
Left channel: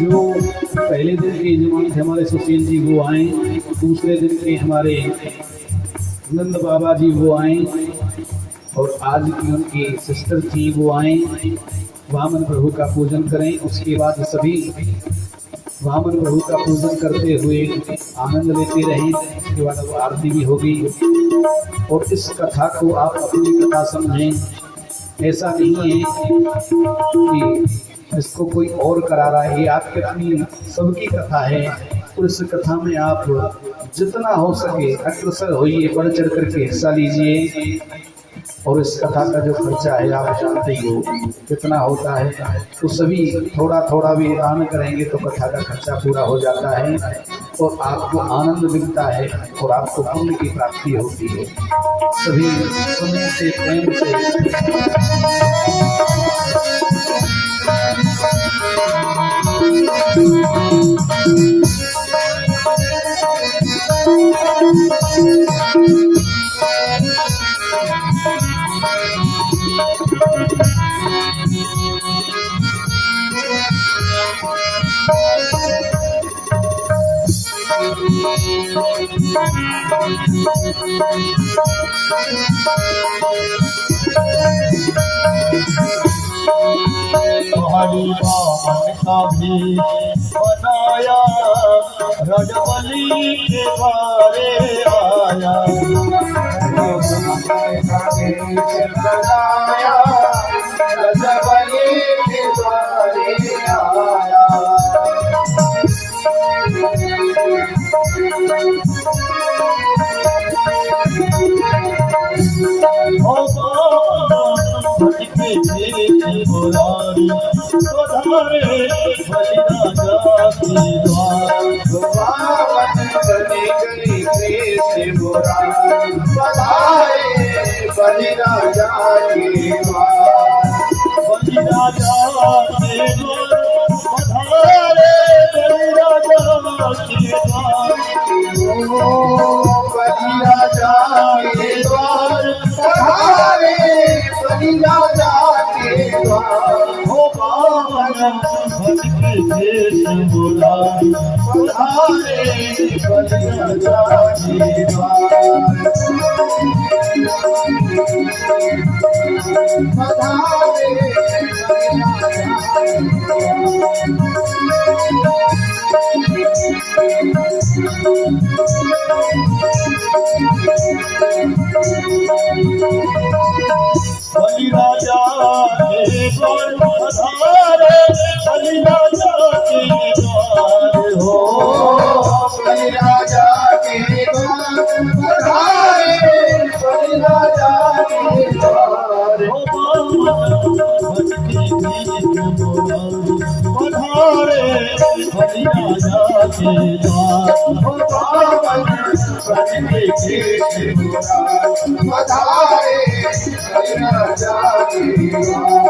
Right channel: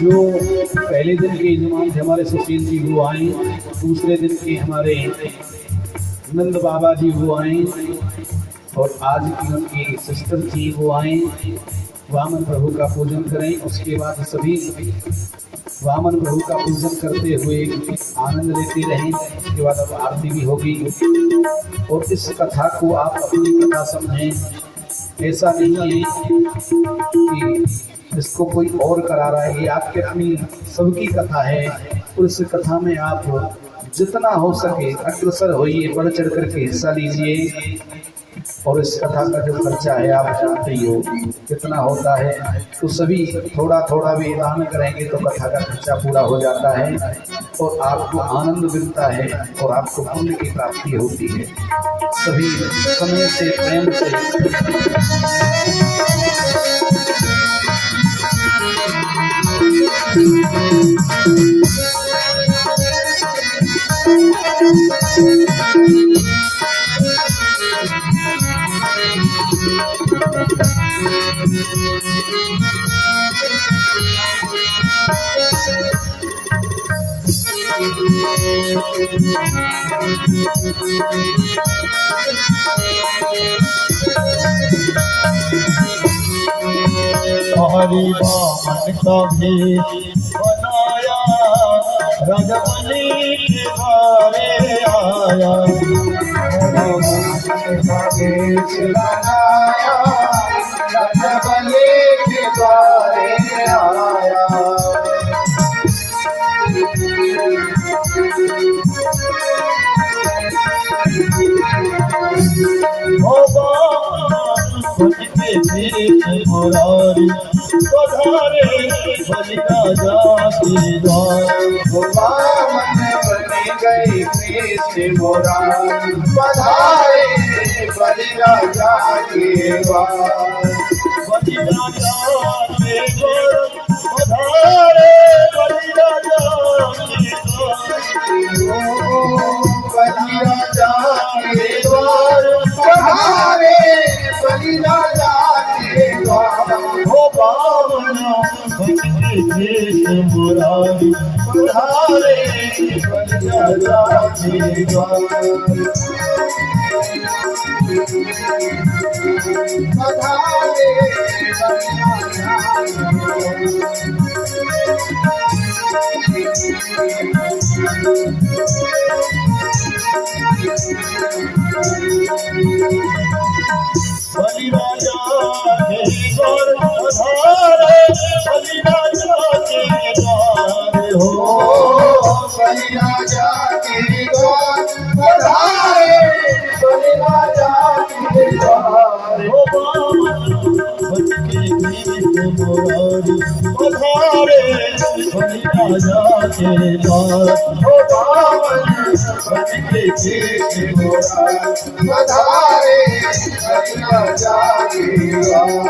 जो पहले दिन के इमाम थे हमारे सुशील जी वो आए, दूसरे दिन के हमारे नंद बाबा जी वो आए और आज की उनकी सिस्टर थी वो आए। वामन प्रभु का पूजन करें। उसके बाद सभी वामन प्रभु का पूजन करते हुए आनंद लेते रहें। उसके बाद अब आरती भी होगी और इस कथा को आप अपनी कथा समझें। ऐसा नहीं है कि इसको कोई और करा रहा है, ये आपकी अपनी सबकी कथा है। और इस कथा में आप जितना हो सके अग्रसर होइए, बढ़ चढ़ करके हिस्सा लीजिए। और इस कथा का जो खर्चा है आप जानते ही हो कितना होता है। तो सभी थोड़ा थोड़ा भी दान करेंगे तो कथा का खर्चा पूरा हो जाता है और आपको आनंद मिलता है और आपको पुण्य की प्राप्ति होती है। सभी समय से प्रेम से हरि वामन का भेष बनाया, राजा बलि के द्वारे आया। देश बनाया, राजा बलि के द्वारे आया। कृष्ण मुरारी पधारे बलि राजा के द्वार। बावन बन गए कृष्ण मुरारी पधारे बलि राजा के द्वार। बलि राजा के द्वार पधारे बलि राजा के द्वार। बलि राजा के द्वार पधारे बलि राजा के द्वार। हो पावना भक्ति कृष्ण मुरारी पधारे बलि राजा के द्वार। पधारे बलि बलि राजा के द्वार पधारे बलि राजा के द्वार। हो बलि राजा के द्वार पधारे बलि राजा के द्वार। हो भक्ति कृष्ण मुरारी पधारे बलि राजा के द्वार। हो बावन भक्ति कृष्ण मुरारी पधारे बलि राजा के द्वार।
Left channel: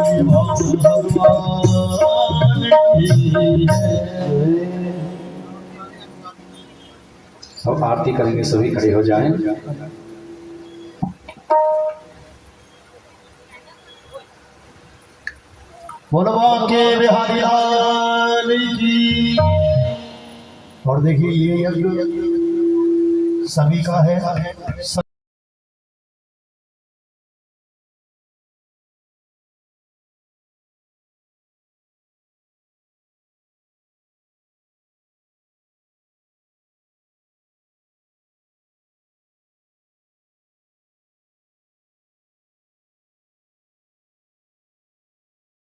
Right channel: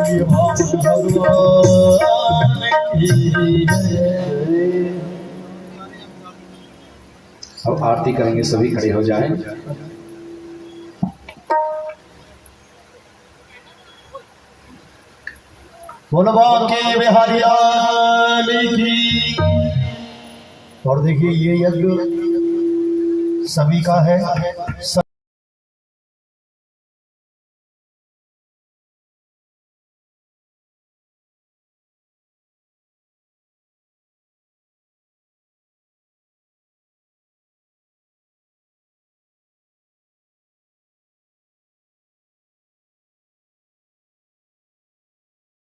बोलिए भगवान की जय। अब आरती करेंगे, सभी खड़े हो जाएं। बोलवा के बिहारी लाल की। और देखिए ये यज्ञ सभी का है।